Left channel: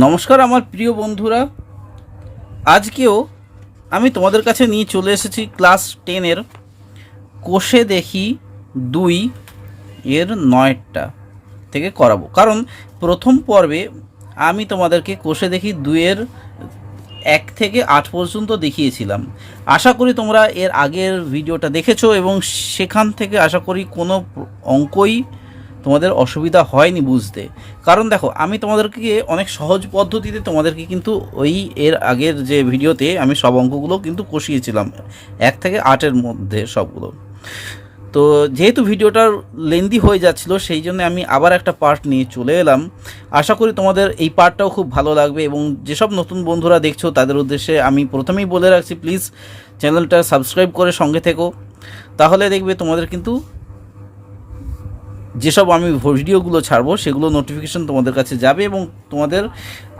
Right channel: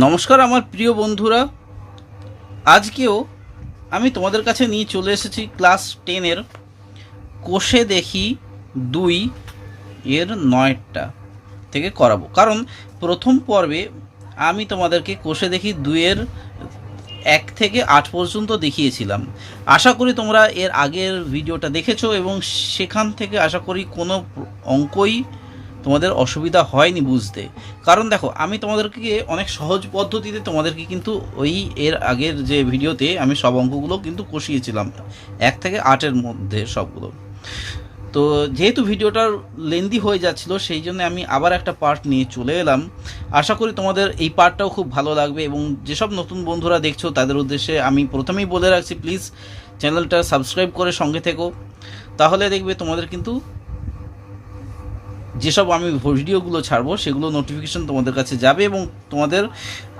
নমস্কার আমার প্রিয় বন্ধুরা, আজকেও আমি তোমাদের কাছে নিয়ে চলে এসেছি ক্লাস 10-এর কোষে দেখি 2 এর 9টা থেকে করাবো। কারণ প্রথম পর্বে আমি তোমাদেরকে কোষে দেখি 2 এর 1 থেকে 8 পর্যন্ত দেখিয়েছিলাম। আশা করি তোমরা এর আগের ভিডিওটা দেখেছো এবং সেখান থেকে আশা করি কোনো অঙ্কই তোমাদের অসুবিধা হয়নি বুঝতে। কারণ দেখো, আমি তোমাদেরকে অনেক সহজ পদ্ধতিতে তোমাদেরকে কিন্তু ওই এর আগের যে ভিডিওতে আমি সব অঙ্কগুলো কিন্তু কষিয়েছিলাম 1 থেকে 8-এর মধ্যে সবগুলো। তো যেহেতু ভিডিওটার লেন্দি হয়ে যাচ্ছিল, সেই জন্য আমি আবার একটা পার্ট নিয়ে চলে এলাম। আশা করি তোমাদের এই পার্টটাও খুব ভালো লাগবে এবং যেসব নতুন বন্ধুরা দেখছো তাদের উদ্দেশ্যে আমি প্রথমেই বলে রাখছি, প্লিজ চ্যানেলটা সাবস্ক্রাইব করে সঙ্গে থেকো। তাহলে দেখবে তোমাদের কিন্তু যেসব আমি ভিডিওগুলো ছাড়বো সেগুলো নোটিফিকেশন তোমাদের কাছে যাবে এবং তোমাদের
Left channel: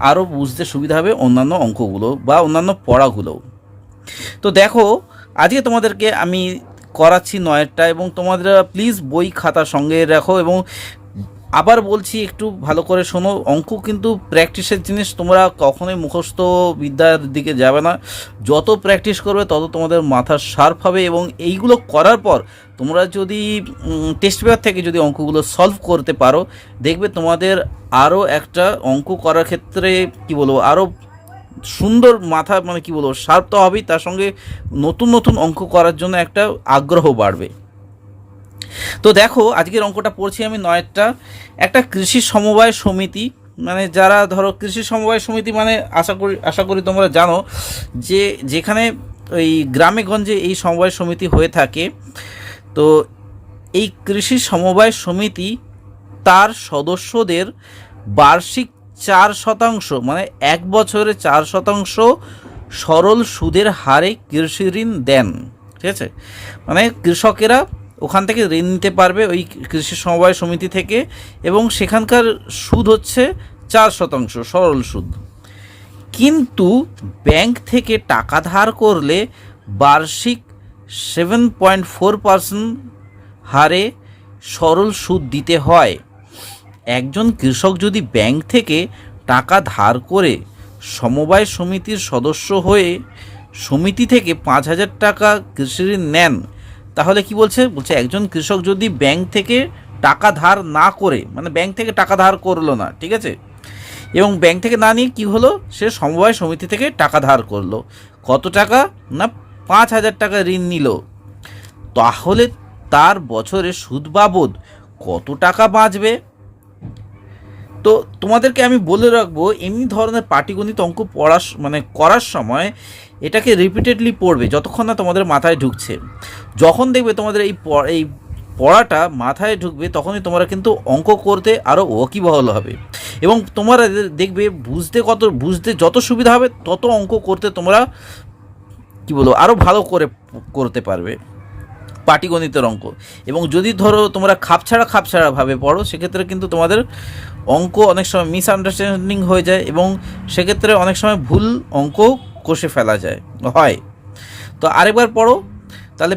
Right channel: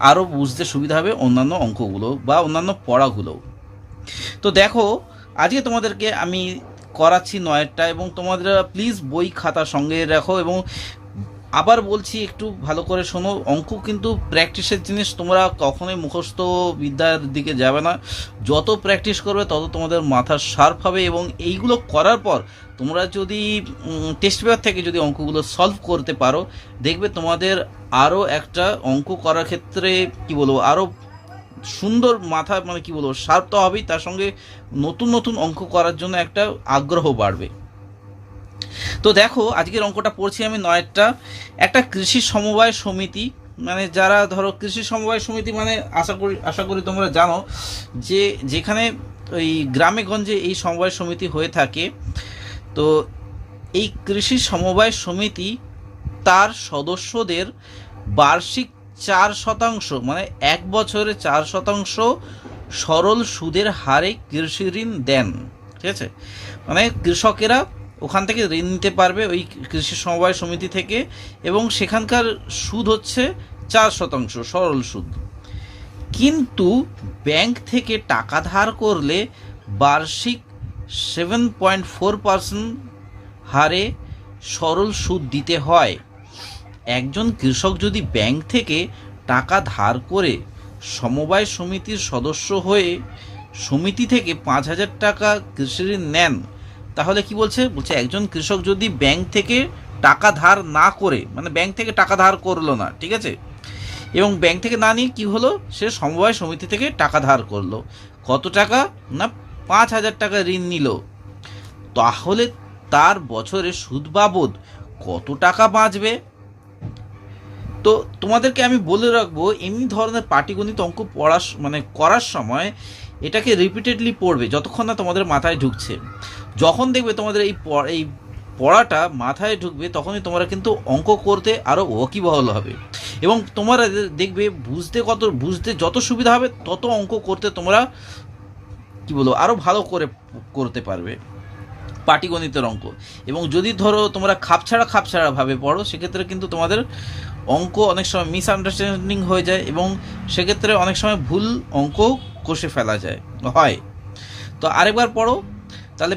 আরও বুঝতে সুবিধা হবে অন্যান্য অঙ্কগুলো বা অন্যান্য পড়াগুলো। তো দেখো, আজকে তোমাদেরকে আমি করাচ্ছি 9টা এবং তোমাদের প্লিজ বই খাতা সঙ্গে রাখো এবং আবার বলছি একটু ভালো করে শোনো। অঙ্ক কিন্তু প্র্যাকটিসের জিনিস, তোমরা কখনোই মুখস্থ বিদ্যার দিকে যাবে না। যত প্র্যাকটিস করবে তত তোমাদের মাথা শার্প হবে এবং এইগুলো করার পর তোমরা যদি টেস্ট পেপার থেকে যদি অঙ্কগুলো সলভ করতে পারো, দেখবে তোমাদের আরও একটা অঙ্ক করার ক্ষেত্রে কি বলবো, আরও সুন্দর মাথা কি বলবো শার্প তো হবেই, তার সঙ্গে নতুন নতুন অঙ্ক করার জন্য একটা আগ্রহ বাড়বে। তো দেখো, আজকের অঙ্কটা পড়ছি আমি 9টা। একটা কৃষি সমবায় সমিতি, যারা ধরো কৃষি সমবায় সমিতি আশা করি তোমরা জানো যে যেখানে ওই গ্রামে গঞ্জে এই সমবায় সমিতি হয়ে থাকে। তো এই কৃষি সমবায় সমিতি তার সদস্যদের বার্ষিক 4%, 1 বছরে 4% সরল সুদের হারে কৃষি ঋণ দেন। ঠিক আছে, কৃষকেরা ওখান থেকে ঋণ নিতে পারবে ওই কৃষি সমবায় সমিতি থেকে এবং সেখানকার সুদ হচ্ছে 4% সরল সুদ। কিন্তু ব্যাংক থেকে টাকা ধার করলে বার্ষিক 7.4% হারে সরল সুদ দিতে হয়। একজন কৃষক যদি ব্যাংক থেকে টাকা ধার করে সমবায় সমিতির সদস্য হয়ে সমিতি থেকে 5,000 টাকা কৃষি ঋণ নেন, তাহলে কি বলছে একজন কৃষক যদি ব্যাংক থেকে টাকা ধার না করে, ব্যাংক থেকে টাকা ধার করলো না, ঠিক আছে, এবং ব্যাংক থেকে না নিয়ে কি হলো, সে সমবায় সমিতি থেকে টাকা ধার করলো। কত টাকা না, 5,000 টাকা ঋণ নিল। তাহলে তার বছরে সুদ বাবদ কত টাকা বাঁচবে? তো তোমাদেরকে আমি বলে রাখবো, এমনি ধরনের পাটিগণিত অঙ্ক করার সময় এটাকে রিপিটেডলি পড়বে যতক্ষণ না তোমাদের মাথায় ঢুকছে। যখন দেখবে তোমাদের এই পড়াটা মাথায় ঢুকবে, তখনই তোমরা কিন্তু অঙ্ক করতে আরও ওয়াকিবহাল হবে এবং তোমরা দেখবে বুঝতে যত সুবিধা হবে তত অঙ্ক করতে তোমরা আরও ভালো করে করতে পারবে পাটিগণিতের অঙ্ক। এবং যদি ধরো তোমরা খাপছাড়াভাবে পড়ো, সেক্ষেত্রে কিন্তু তোমাদের অঙ্ক অনেক সময় মিসআন্ডারস্ট্যান্ডিং হয়ে যায় এবং সেক্ষেত্রে অনেক সময় ভুল অঙ্ক কষে ফেলা হয়। তো আরেকবার পড়ো তাহলে।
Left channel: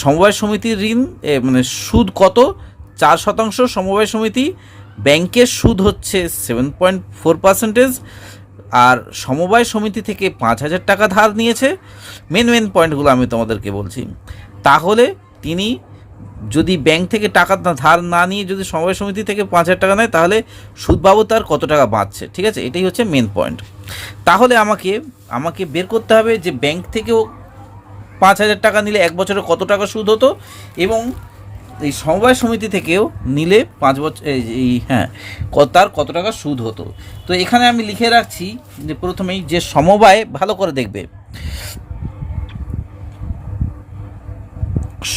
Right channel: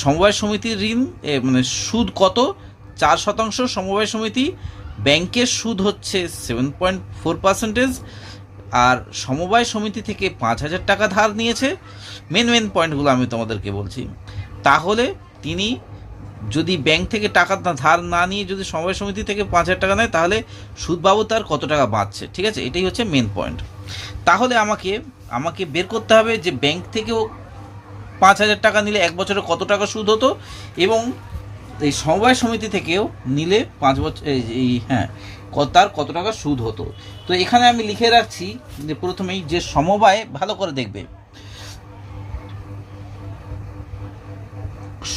সমবায় সমিতির ঋণ সুদ কত? 4% সমবায় সমিতি, ব্যাংকের সুদ হচ্ছে 7.4%, আর সমবায় সমিতি থেকে 5,000 টাকা ধার নিয়েছে। মেন পয়েন্টগুলো আমি তোমাদেরকে বলছি। তাহলে তিনি যদি ব্যাংক থেকে টাকা ধার না নিয়ে যদি সমবায় সমিতি থেকে 5,000 টাকা নেয়, তাহলে সুদ বাবদ তার কত টাকা বাঁচছে। ঠিক আছে, এটাই হচ্ছে মেন পয়েন্ট। তাহলে আমাকে বের করতে হবে যে ব্যাংক থেকেও 5,000 টাকা নিলে 1 বছরে কত টাকা সুদ হতো এবং এই সমবায় সমিতি থেকেও নিলে 5 বছর তার কত টাকা সুদ হতো। তো এখানে আমি লিখে রাখছি যে প্রথমেই যে সমবায়, ভালো করে দেখবে,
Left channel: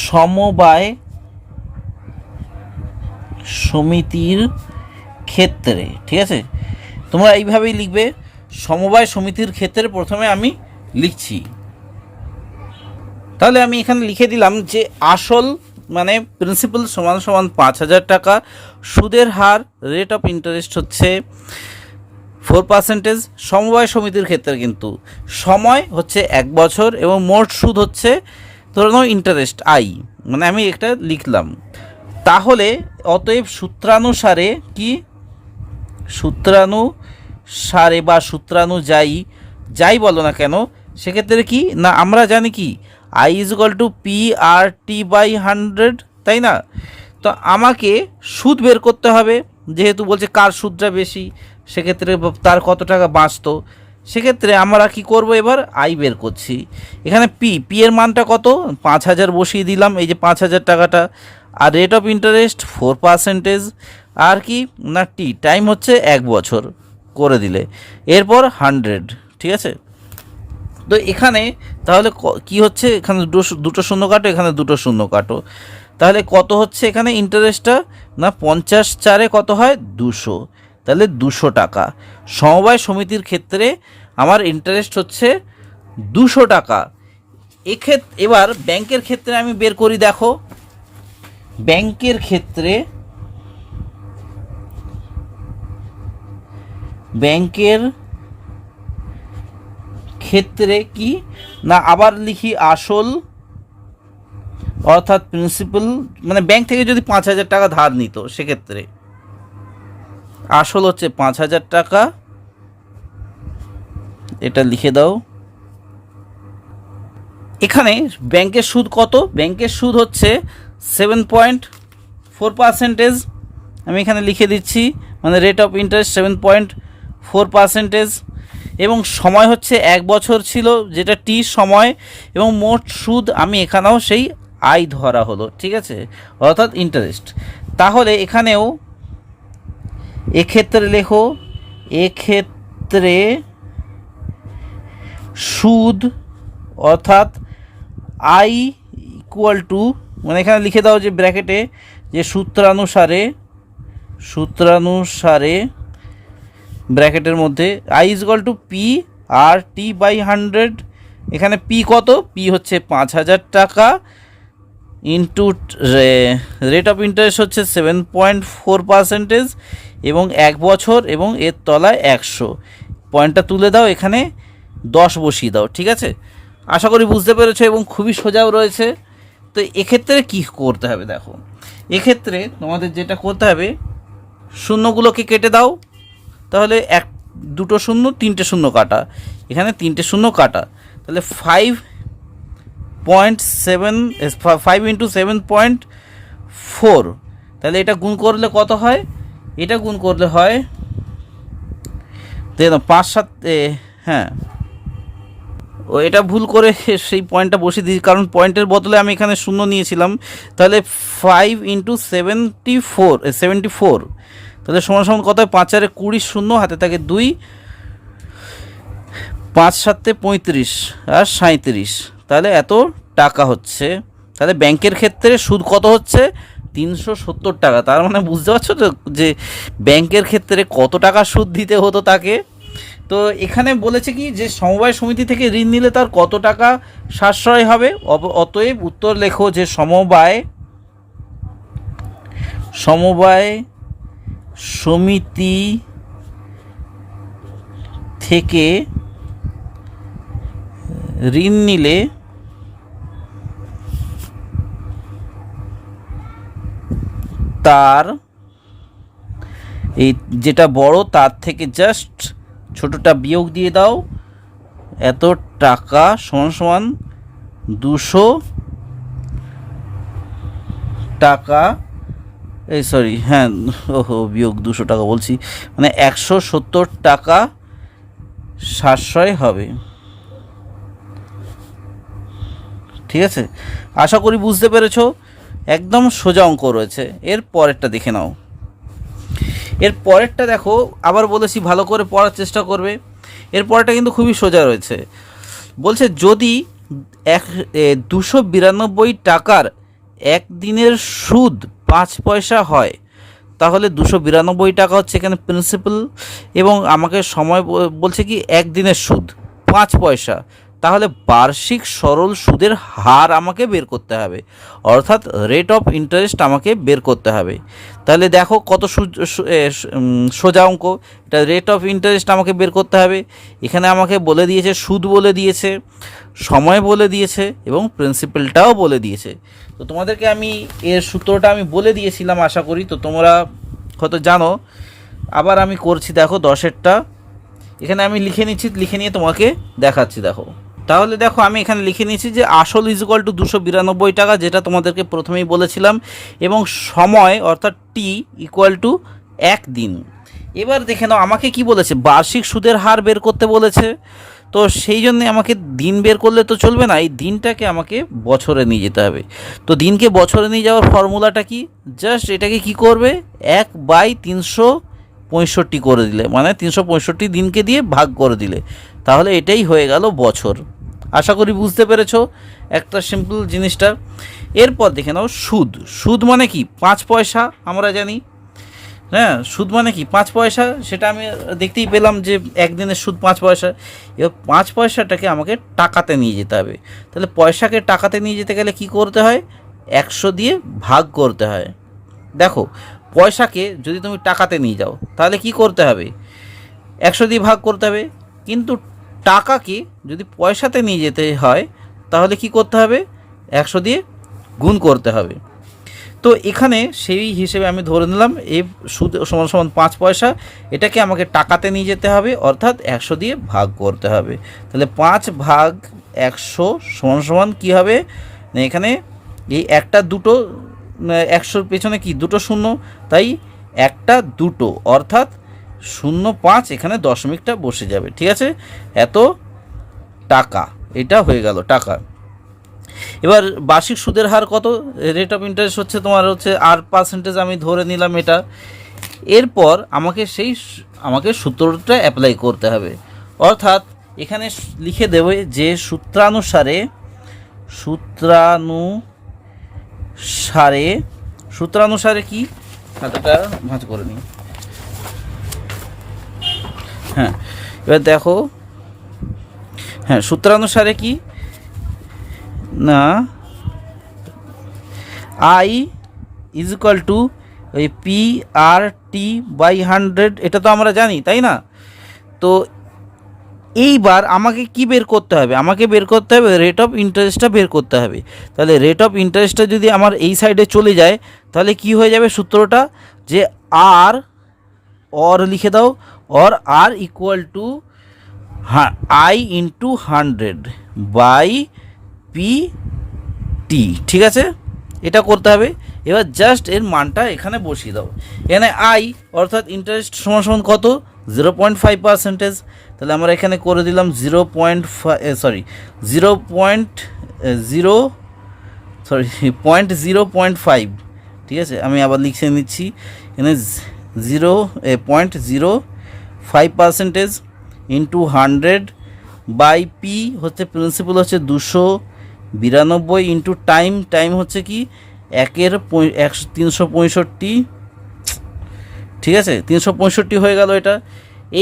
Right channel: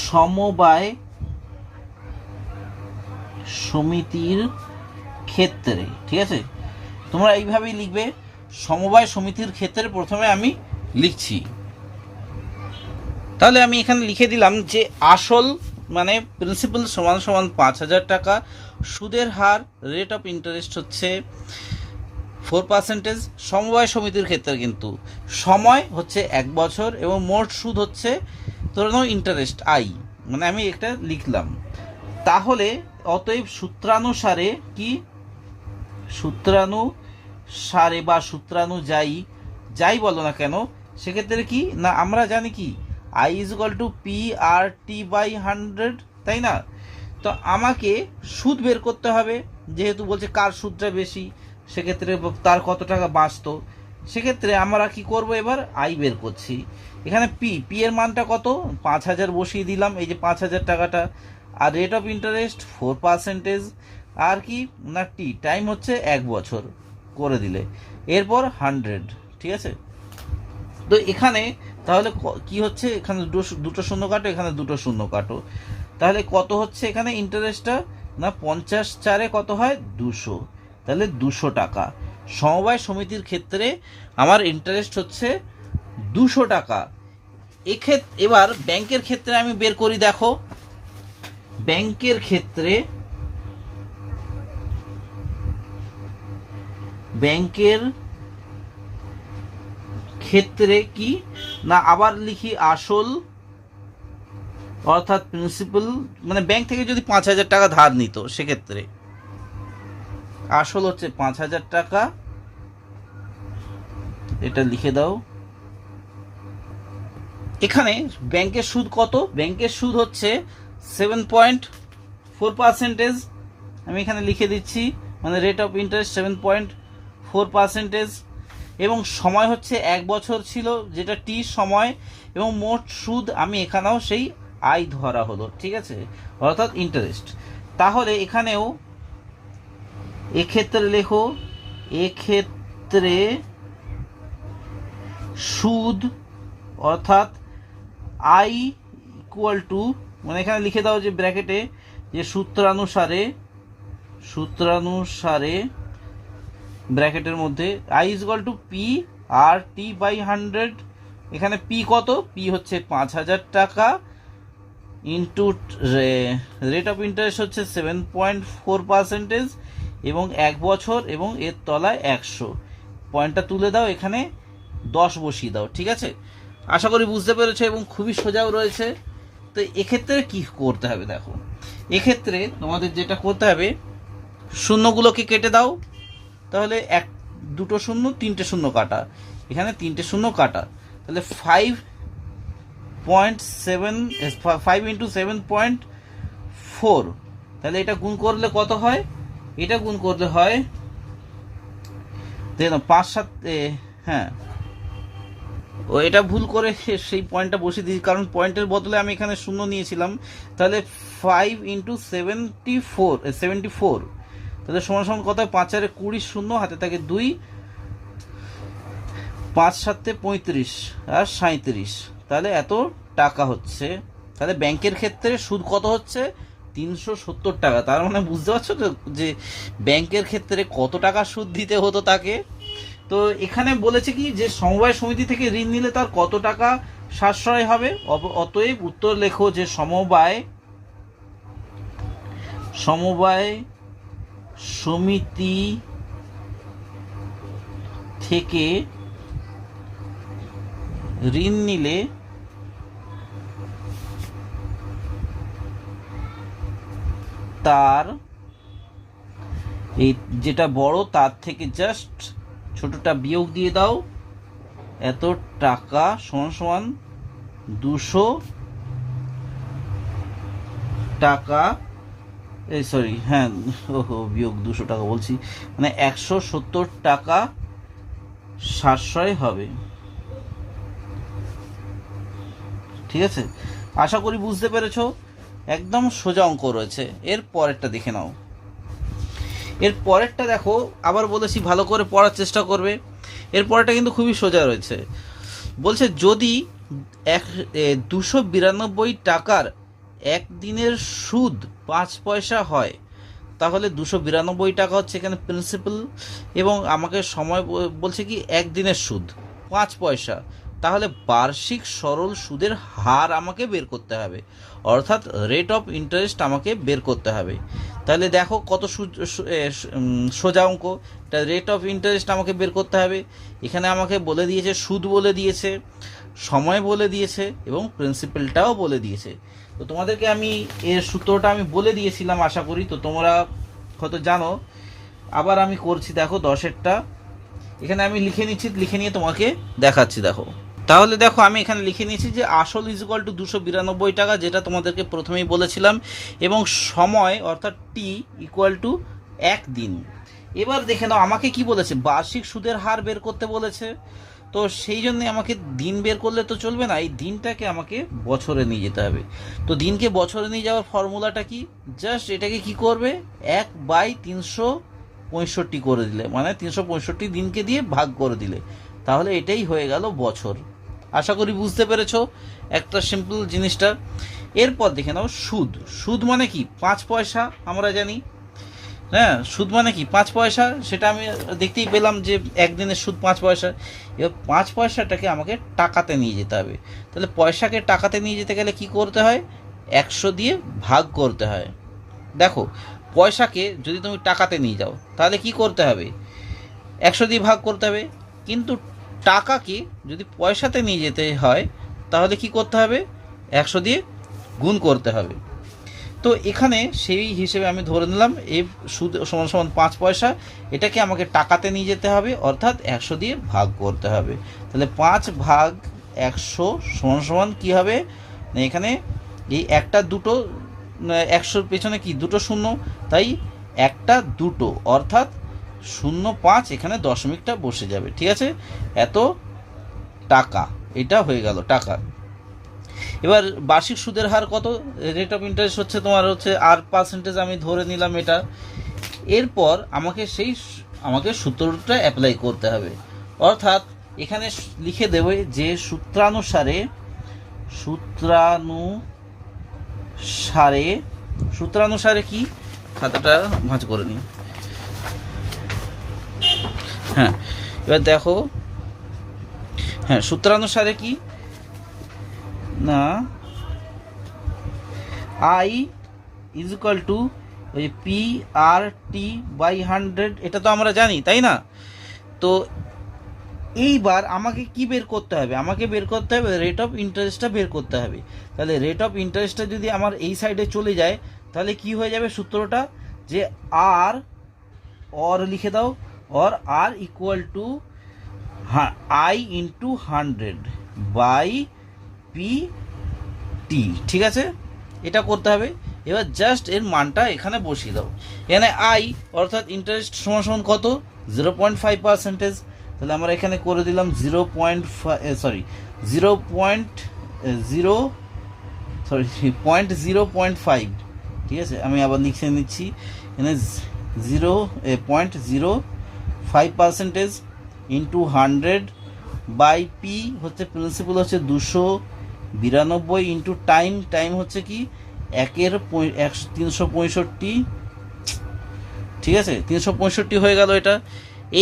সমবায় সমিতির ক্ষেত্রে, ঠিক আছে, তোমরা এইভাবেই লিখবে। সমবায় সমিতির ক্ষেত্রে প্রথমে আমি লিখছি, তাহলে আমি এখানে লিখে দিলাম যে আসল প্রিন্সিপাল সমান 5,000 টাকা, সুদের হার রেট অফ ইন্টারেস্ট হচ্ছে 4%। সমবায় সমিতির ক্ষেত্রে কিন্তু সময় হচ্ছে 1 বছর এবং মোট সুদ হচ্ছে ধরো ইন্টারেস্ট আমি একটা লিখলাম। তাহলে অতএব সূত্রানুসারে সারে বা সূত্রাণু যাই বলো না কেন, সেক্ষেত্রে কি না আমরা জানি কি I is equal to P R T by 100, তাই না? তো আমাকে সুদ বের করতে হবে, যেহেতু বলছে কার সুদটা বেশি, সেক্ষেত্রে তার কত টাকা বাঁচতো। সেক্ষেত্রে আমরা কি করব, এবার আই বের করছি। এখানে পি এর মানটা কত, 5000 বসিয়ে দিলাম, এই যে 5000 টাকাটা। আর রেট অফ ইন্টারেস্ট 4%, আর কি না টি টাইম হচ্ছে 1 বছর করে দিলে, এরপর 100, ঠিক আছে? তো এখানে তাহলে কি হচ্ছে, এখানে দুটো শূন্য কাটো, এখানে দুটো শূন্য কাটো, তাহলে কত হচ্ছে এখানে ইন্টারেস্টটা, না 50 কত হয় 200, তাহলে 200 টাকা। সমবায় সমিতির ক্ষেত্রে আমার ইন্টারেস্ট হচ্ছে 200 টাকা। এবার ব্যাংকের ক্ষেত্রে আমি বের করি, দেখো ব্যাংকের ক্ষেত্রে কি না আবার লিখি আসল অর্থাৎ প্রিন্সিপাল, মানে ব্যাংক থেকে যদি 5000 টাকা ধার নিত, সেক্ষেত্রে আসল হচ্ছে 5000 টাকা, এটা লিখে দাও। এখানে ব্যাংকের সুদ কত, ব্যাংকের সুদ হচ্ছে 7.4%, আমি এখানে লিখে দিচ্ছি, মানে রেট অফ ইন্টারেস্ট 7.4%, এবং সময় হচ্ছে 1 বছর ছিল, যেটা টি সময়, এবং মোট সুদ আমি এখানেও সেই আই ধরা হলো, ঠিক আছে, অর্থাৎ ইন্টারেস্ট। তাহলে এখানেও এক্ষেত্রে লেখো, এক্ষেত্রে সুদ অর্থাৎ আই ইকুয়াল টু, মানে এখানে লিখে দাও যে ব্র্যাকেটে যে সূত্রানুসারে ব্র্যাকেটের মধ্যে I is equal to P R T by 100। এখানে পি কত, পি হচ্ছে 5000 টাকা, ইন্টু রেট অফ ইন্টারেস্ট হচ্ছে 7.4%, এবং 1 বছর, এবং এর তলায় 100, পয়েন্টটা তুলে দাও, এখানে 10 বসিয়ে দাও, ঠিক আছে? আশা করি বুঝতে পেরেছো, এবং খুবই সোজাও রয়েছে। তো এক্ষেত্রে কি করতে হবে, দেখো এক্ষেত্রে তোমাদের যেটা করতে হবে, শূন্যগুলোকে কেটে দাও, তাহলে দুটো শূন্য, 3টে শূন্য কাটা, এখানে 3টে শূন্য কাটা, তাহলে 5 ইন্টু 7.4, তাহলে এটা গুণ করলে কত হয়, এটা গুণ করলে হয় দেখো 5 7, হ্যাঁ ও এটা ভুল করে সেই পয়েন্টটা বসিয়ে দিয়েছি, কারণ পয়েন্টের বদলে আমি এখানে শূন্য নিয়েছিলাম। তাহলে 5 ইন্টু 74, তাহলে সমান সমান কত হয়, 5 আর 20, শূন্য হাতে থাকে 2, 5 7 35 আর 37, তাহলে এত টাকা হচ্ছে। তাহলে ব্যাংকের ক্ষেত্রে সুদ কত হচ্ছে, 370 টাকা। তার মানে বুঝতে পারছো তো যে ব্যাংকের ক্ষেত্রে কত টাকা সুদ দিতে হতো তাকে। তো এখানে বলেছে কি যে সমবায় সমিতি থেকে ঋণ নিলে তার কত টাকা সাশ্রয় হবে। অতএব উত্তর লেখো যে সমবায় সমিতি থেকে ঋণ নিলে তার এই যেটা বড় তার থেকে জাস্ট ছোটটা বিয়োগ দিয়ে দাও, এত টাকা সমান সমান 200 টাকা, এই সরি হ্যাঁ বিয়োগ 200 টাকা বলছি, মানে 170 টাকা সাশ্রয় হবে। ঠিক আছে, আশা করি বুঝতে পেরেছো, একদম সোজা অঙ্ক রয়েছে। এর পরেরটা দেখে নাও। এর পরেরটা দেখো, আবার বলেছি ভালো করে পড়ার চেষ্টা করবে। এর পরেরটা কিন্তু খুবই সোজা রয়েছে। বলছে যদি 292 টাকার একদিনের সুদ 5 পয়সা হয়, তাহলে 292 টাকা হচ্ছে এখানে প্রিন্সিপাল, এবং আমাকে সময় বলছে কি একদিনের সুদ 5 পয়সা, তাহলে বার্ষিক সরল সুদের হার আমাকে বের করতে হবে, অর্থাৎ রেট অফ ইন্টারেস্ট আমাকে বের করতে হবে। তাহলে দেখো কত সোজা অঙ্ক, এটা রেট অফ ইন্টারেস্ট আমাকে বের করতে হবে। এখানে আমাকে বলে দিয়েছে সুদ বলে দিয়েছে, সময় বলে দিয়েছে, এবং প্রিন্সিপালটাও বলে দিয়েছে। তো তোমাদেরকে আমি এর সূত্রটা আমি বলে দিয়েছিলাম, আশা করি তো তোমরা হয়তো জানো। আবার আমি করছি, দেখো 10এরটা এখানে আমি লিখে নিচ্ছি, লিখে নিয়ে তোমাকে দেখাচ্ছি। দেখো, তাহলে দেখো আমি এখানে লিখে নিয়েছি যে আসল ইজ ইকুয়াল টু 292 টাকা, যেটা তোমাদেরকে প্রথমেই বলেছিলাম, এবং সময় অর্থাৎ টি ইকুয়াল টু 1 দিন। এবার দেখে নাও আমাকে কি বলেছে, বার্ষিক সুদের হার বের করতে বলেছে। তো সেই জন্যে আমাকে দিন বের করলে তো চলবে না, এই দিনটাকে আমাকে বছরে নিয়ে যেতে হবে। তো দিনকে বছরে নিয়ে যাওয়ার ফর্মুলাটা কি, জাস্ট এটাকে কি করবে, 1/365 করে দিলে, মানে 365 দিনকে দিয়ে ভাগ করে দিলে, তাহলে এটাই হয়ে গেল বছর। আশা করি বুঝতে পেরেছো একটা সিম্পল জিনিসটা। এরপর দেখে নাও সুদ। সুদ মানে কি, 5 পয়সা আমরা জানি। হ্যাঁ, সুদ মানে কি 5 পয়সা, সেটা আমি দেখতেই পেলাম যে একদিনের সুদ 5 পয়সা। এবার 5 পয়সাটাকে আমাকে টাকাতে নিয়ে যেতে হবে। তাহলে পয়সাকে টাকাতে নিয়ে যেতে গেলে কি করতে হয়, 100 দিয়ে ভাগ করতে হয়। দেখো, পয়সাকে যদি তুমি টাকাতে নিয়ে যাও তাহলে কি করতে হবে, 100 দিয়ে ভাগ করতে হবে। কিন্তু টাকাকে যদি পয়সাতে নিয়ে যেতে হয় তাহলে কি করতে হবে, 100 দিয়ে গুণ করতে হবে। তো এখানে সেই হিসেবে আমি ধরে নিলাম এই সুদ সমান সমান 5 পয়সা, এটাকে আমাকে টাকাতে নিয়ে যেতে হবে, অর্থাৎ 100 দিয়ে ভাগ করতে হবে। তাহলে 5 ভাগ 100 সমান সমান কী হবে, এখানে এই একটা দুটো, 100-র পেছনে কি দুটো শূন্য, তাই একটা দুটো, অর্থাৎ 0.5, এখানে দশমিকটা বসে যাবে। ঠিক আছে, এত টাকা, এটা হয়ে গেল টাকা। এবার বার্ষিক সুদের হার কত, রেট অফ ইন্টারেস্ট হচ্ছে তোমার হচ্ছে R%, আমি ধরে নিলাম এটা। এরপর আমাকে সূত্রটা অ্যাপ্লাই করতে হবে, অর্থাৎ এখানে লিখে দেবে যে সূত্রানুসারে কি, খাতাটা ভাঁজ করে নিই। হ্যাঁ, এবার দেখো, হ্যাঁ সূত্রানুসারে কি না, I ইজ ইকুয়াল টু ওই PRT/100, এটা তো আমরা জানি তাই না। তো এইবার আমাকে কি বের করতে হবে, আমাকে বের করতে হবে রেট অফ ইন্টারেস্টটা বের করতে হবে। তাহলে রেট অফ ইন্টারেস্টটা যদি আমার এই সাইডে চলে যায় তাহলে কি হয়ে যাবে সূত্রটা, যে লিখে দাও, আর equal to I into 100/PT। ঠিক আছে, এটা করতে হবে। এবার জাস্ট এর মানটা এখানে বসিয়ে দাও। এখানে I অর্থাৎ ইন্টারেস্ট সমান সমান কত, 0.5%। তাহলে আমরা এখানে করে দিলাম 0.5। ঠিক আছে, আমি আবার লিখে নিচ্ছি, এখানে 0.05% ইন্টু 100/P হচ্ছে প্রিন্সিপাল হচ্ছে 292, ইন্টু টাইম হচ্ছে কি 365। ঠিক আছে, 365 হয়ে গেল এটা।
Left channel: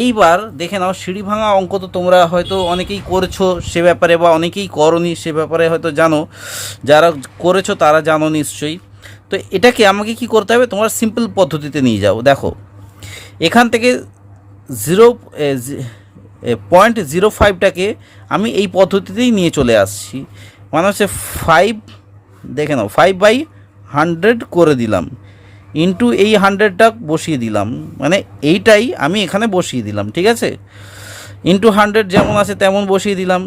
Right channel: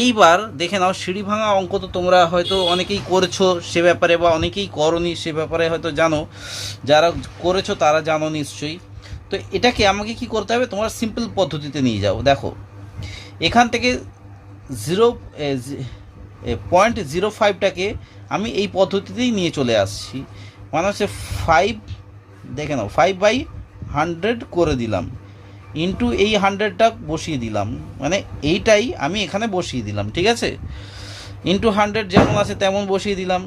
এইবার দেখে নাও, সিঁড়ি ভাঙা অঙ্ক তো তোমরা হয়তো অনেকেই করেছো সে ব্যাপারে, বা অনেকেই করনি সে ব্যাপারে হয়তো জানো, যারা করেছো তারা জানো নিশ্চয়ই। তো এটাকে আমাকে কি করতে হবে, তোমার সিম্পল পদ্ধতিতে নিয়ে যাও। দেখো, এখান থেকে 0.05টাকে আমি এই পদ্ধতিতেই নিয়ে চলে আসছি, মানে হচ্ছে 5, দেখে নাও 5/100 করে দিলাম, ইন্টু এই 100টা বসিয়ে দিলাম, মানে এইটাই আমি এখানে বসিয়ে দিলাম। ঠিক আছে, ইন্টু 100 যেমন আছে তেমন বসিয়ে দিলাম।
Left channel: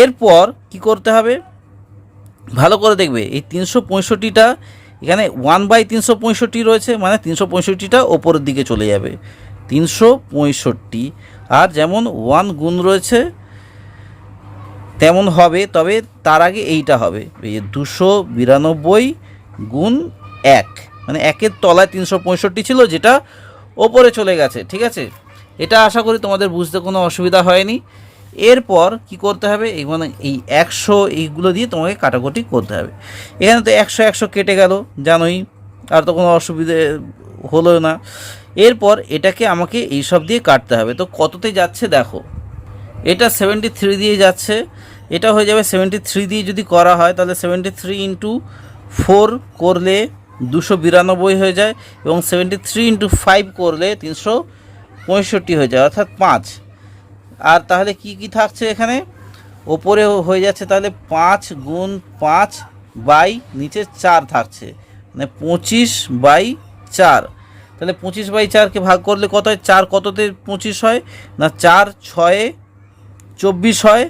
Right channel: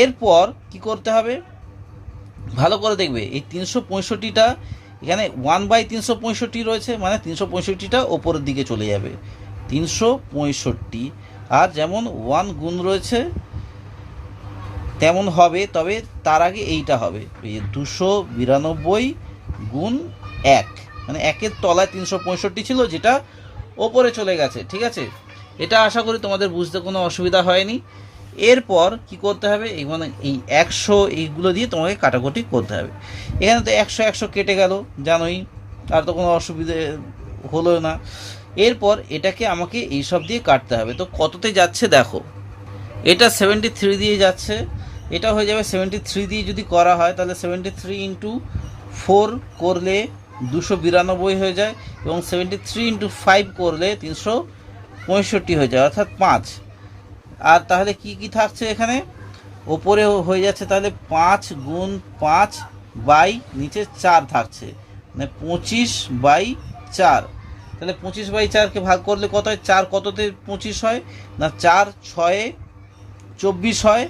এরপর কি করতে হবে, ভালো করে দেখবে, এই 365টা এখানে 1/365 রয়েছে, মানে 365টা ওপরের দিকে চলে যাবে, 365। আর যেমন 1 গুণ রয়েছে তেমন হবে, তবে তার আগে এইটা হবে, এই 292 গুণ 1, মানে 1-এর তলায় 365 ছিল, যেটা ওপরে চলে গেছে। ঠিক আছে, এটা আশা করি তোমাদের বুঝতে কোনো অসুবিধা হয়নি। এরপর কি করতে হবে, মানে এই 100 এইগুলো দিয়ে তোমাকে কাটাকুটি করতে হবে। এখানে তো 100 কেটে গেল জানোই, আর তো কোনো অসুবিধে হলো না। এরপর এটাকে আমাকে এইসব দিয়ে কাটতে হবে। তো কততে যাচ্ছে দেখো, এটা 73 দিয়ে যাচ্ছে, এটা হয়ে যাবে 73 দিয়ে যদি করা হয় তাহলে 73 ইন্টু 4 করলে 292 হয়ে যায়, এবং 73 ইন্টু 5 করলে 365 হয়ে যায়, অর্থাৎ 5। আর তাহলে কি কি থাকছে এখানে, ওপরে হয়ে যাচ্ছে তাহলে 5 গুণ 5 বাই নিচে 4 থাকছে, মানে 25/4। তাহলে 25/4কে ভাগ করলে কত হয়? 4 কততে 25 হয় না, 4 6 24 হয়,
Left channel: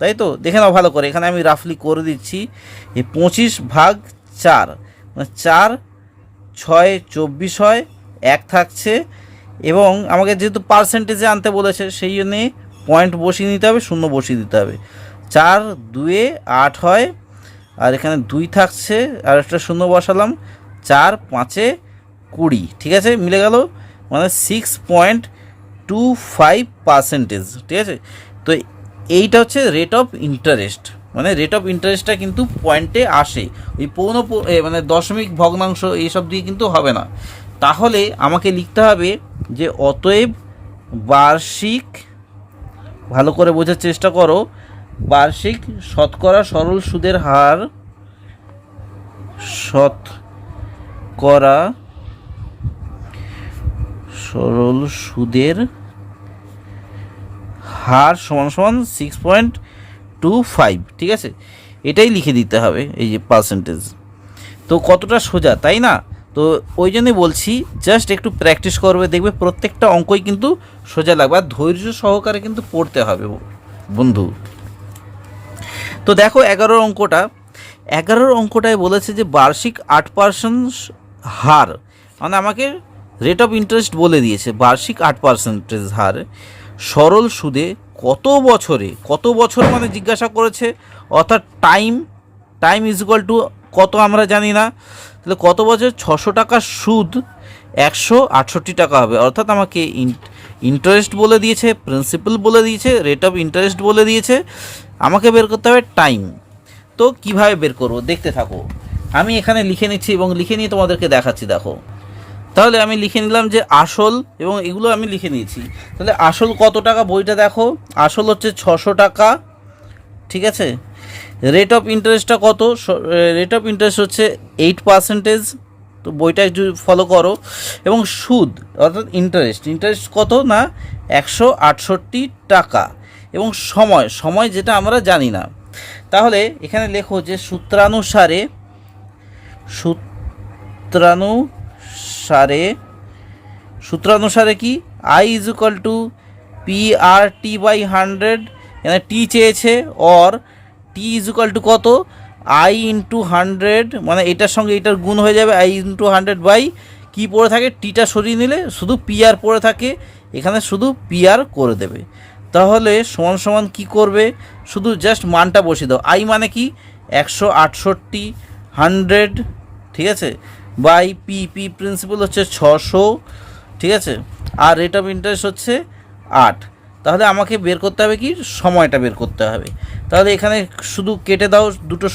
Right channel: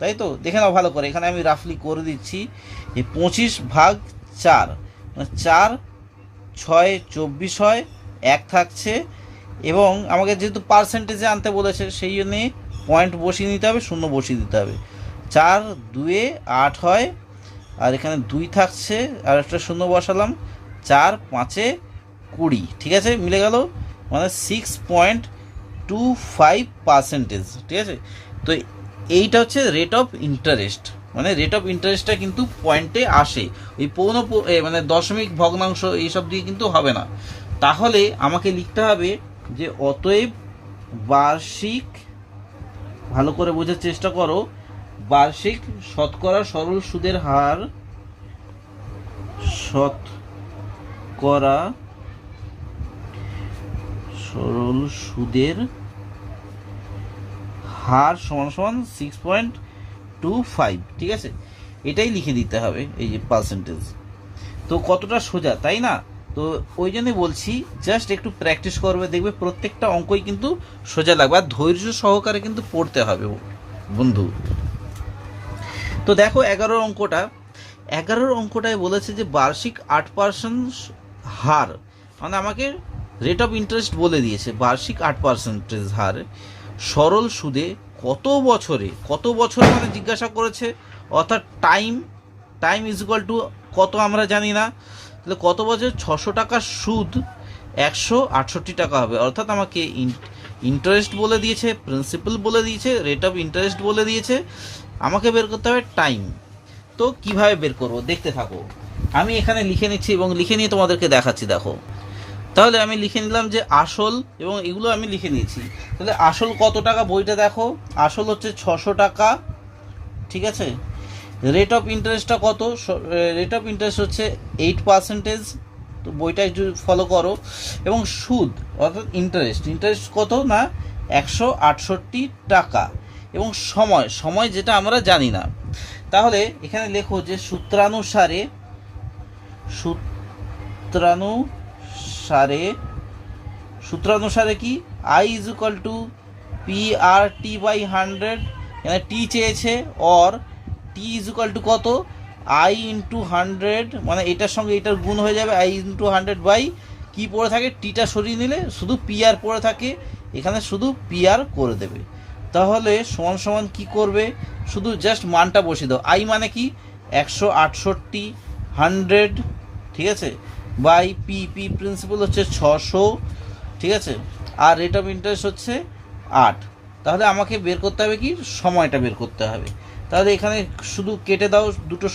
তাই তো? দেখে নাও ভালো করে, এখানে আমি রাফলি করে দিচ্ছি। এই 25/4 মানে 4 6 24 হয়, 1 থাকছে, এবং আমাকে যেহেতু পার্সেন্টেজে আনতে বলেছে সেই জন্যে পয়েন্ট বসিয়ে নিতে হবে, শূন্য বসিয়ে দিতে হবে। 4 2 8 হয়, আর এখানে 2 থাকছে, আর একটা শূন্য বসালাম, 4 5 20, ঠিক আছে, মিলে গেল, মানে 6.25%, ঠিক আছে। তো এইটা হচ্ছে রেট অফ ইন্টারেস্ট, মানে রেট অফ ইন্টারেস্টটা কিন্তু পয়েন্টে আসে, ওই মানে দশমিক ভগ্নাংশ এইসব দিয়ে কিন্তু হবে না। তাহলে আমাকে লিখতে হবে যে অতএব বার্ষিক, ভালো করে বোঝার চেষ্টা করো, বার্ষিক শতকরা সরল সুদের হার, শতকরা সরল সুদের হার সমান সমান 6.25, ঠিক আছে, এটাই লিখে দিতে হবে, এই যে পার্সেন্টেজ। তো কতটা সোজা, তাই না? তো ওই জন্যই বলছি জাস্ট একটু প্র্যাকটিস করবে, দেখবে প্রত্যেকটা অঙ্কই কিন্তু সোজা লাগবে, আর ধৈর্য সহকারে কিন্তু পড়তে হবে বন্ধু। তো দেখো 11 অঙ্কটায় বলেছে যে বার্ষিক 8% হার, মানে আমাকে রেট অফ ইন্টারেস্ট বলে দিয়েছে, বার্ষিক 8% হার সরল সুদে কত বছর মানে জিজ্ঞাসা করেছে, অর্থাৎ টাইম ইজ ইকুয়াল টু কত আমরা জানি না, তাহলে কত বছর? 600 টাকার সুদ 168 টাকা হবে, অর্থাৎ আমাকে ইন্টারেস্ট বলে দিয়েছে, প্রিন্সিপাল বলে দিয়েছে, রেট অফ ইন্টারেস্ট বলে দিয়েছে, আমাকে বের করতে হবে টাইম। তো কিভাবে বের করব দেখতে থাকো, আমি এখানে লিখে নিচ্ছি এবং লিখে নিয়ে তোমাদেরকে দেখাচ্ছি। দেখো, তাহলে আমি লিখে নিলাম যে আসল, এবং এগুলো আমি লিখে নিয়েছি। তাহলে আসল কত টাকা, বইটা দেখো, আসল হচ্ছে 600 টাকা, ঠিক আছে। রেট অফ ইন্টারেস্টটা কত? রেট অফ ইন্টারেস্ট হচ্ছে 8%, তো বইটা একটু ফলো করো। এবং সুদ অর্থাৎ ইন্টারেস্ট কত না 168 টাকা। এবং সময় যেটা আমরা জানি না, তাহলে এখানে লেখো যে সূত্রানুসারে কি I is equal two PRT/100, এখানে টি চেয়েছে, or T is equal to কত? I ইন্টু 100, মানে এটার সঙ্গে এটার গুণ হয়ে যাবে, I ইন্টু 100 বাই কী পড়ে থাকে, টিটা সরিয়ে নিলে শুধু PR পড়ে থাকে, এখানে শুধু PR করে দেবে। তাহলে সমান সমান কী করবে, শুধু জাস্ট মানটা বসিয়ে দাও। I মানে কি 168, 100, ঠিক আছে, বাই পি প্রিন্সিপাল হচ্ছে 600, ঠিক আছে, আর রেট অফ ইন্টারেস্ট হচ্ছে 8। তাহলে আমাকে বের করতে হবে কি, সময়টা বের করতে হবে। তাহলে এখানে শুধু কেটে দাও, দুটো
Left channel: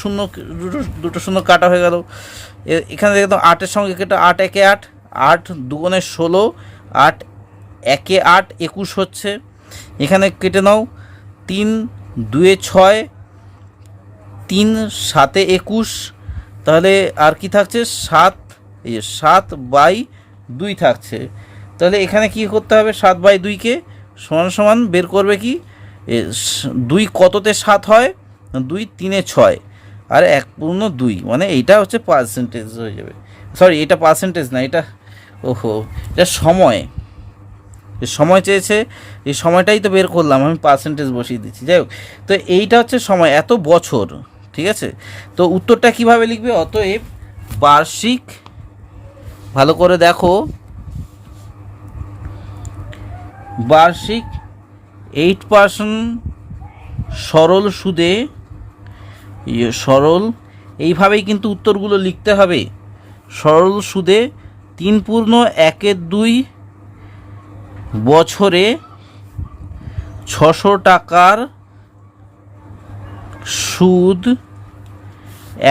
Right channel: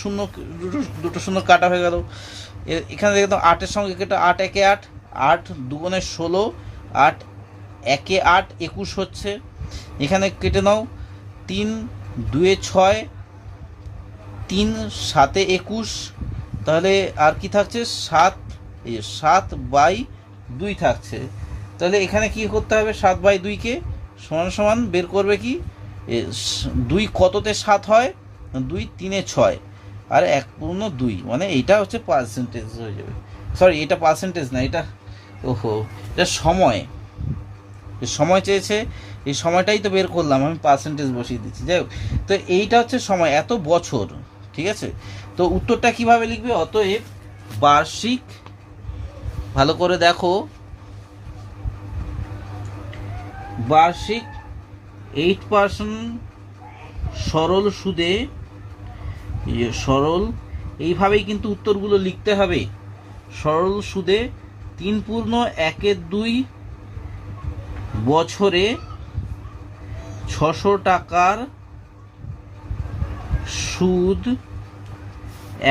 শূন্য কাটা হয়ে গেল। এখানে দেখে দাও 8-এর সঙ্গে কেটে, 8 একে 8, 8 2 16, 8 একে 8 21 হচ্ছে। এখানে কেটে নাও 3 2 6, 3 7 21, তাহলে আর কি থাকছে 7, এই 7/2 থাকছে। তাহলে এখানে কি করতে হবে, 7/2কে সমান বের করবে কি, 2 কততে 7 হয়, 2 3 6, আর 1/2, মানে এইটা হচ্ছে পার্সেন্টেজ হয়ে যাবে। সরি, এটা পার্সেন্টেজ না, এটা এটা সময় চেয়েছে, এই সময়টাই তো বের করলাম, আমি পার্সেন্টেজ বসিয়ে দিচ্ছি। যাই হোক, তো এইটা হচ্ছে সময়, এত বছর, ঠিক আছে। তো উত্তরটা কিভাবে লিখবে, অতএব বার্ষিক, ভালো করে দেখো, বার্ষিক 8% সরল সুদে, এইভাবেই কিন্তু উত্তরগুলো লিখতে হবে। সরল সুদে 3.12 বছরে 600 টাকার সুদ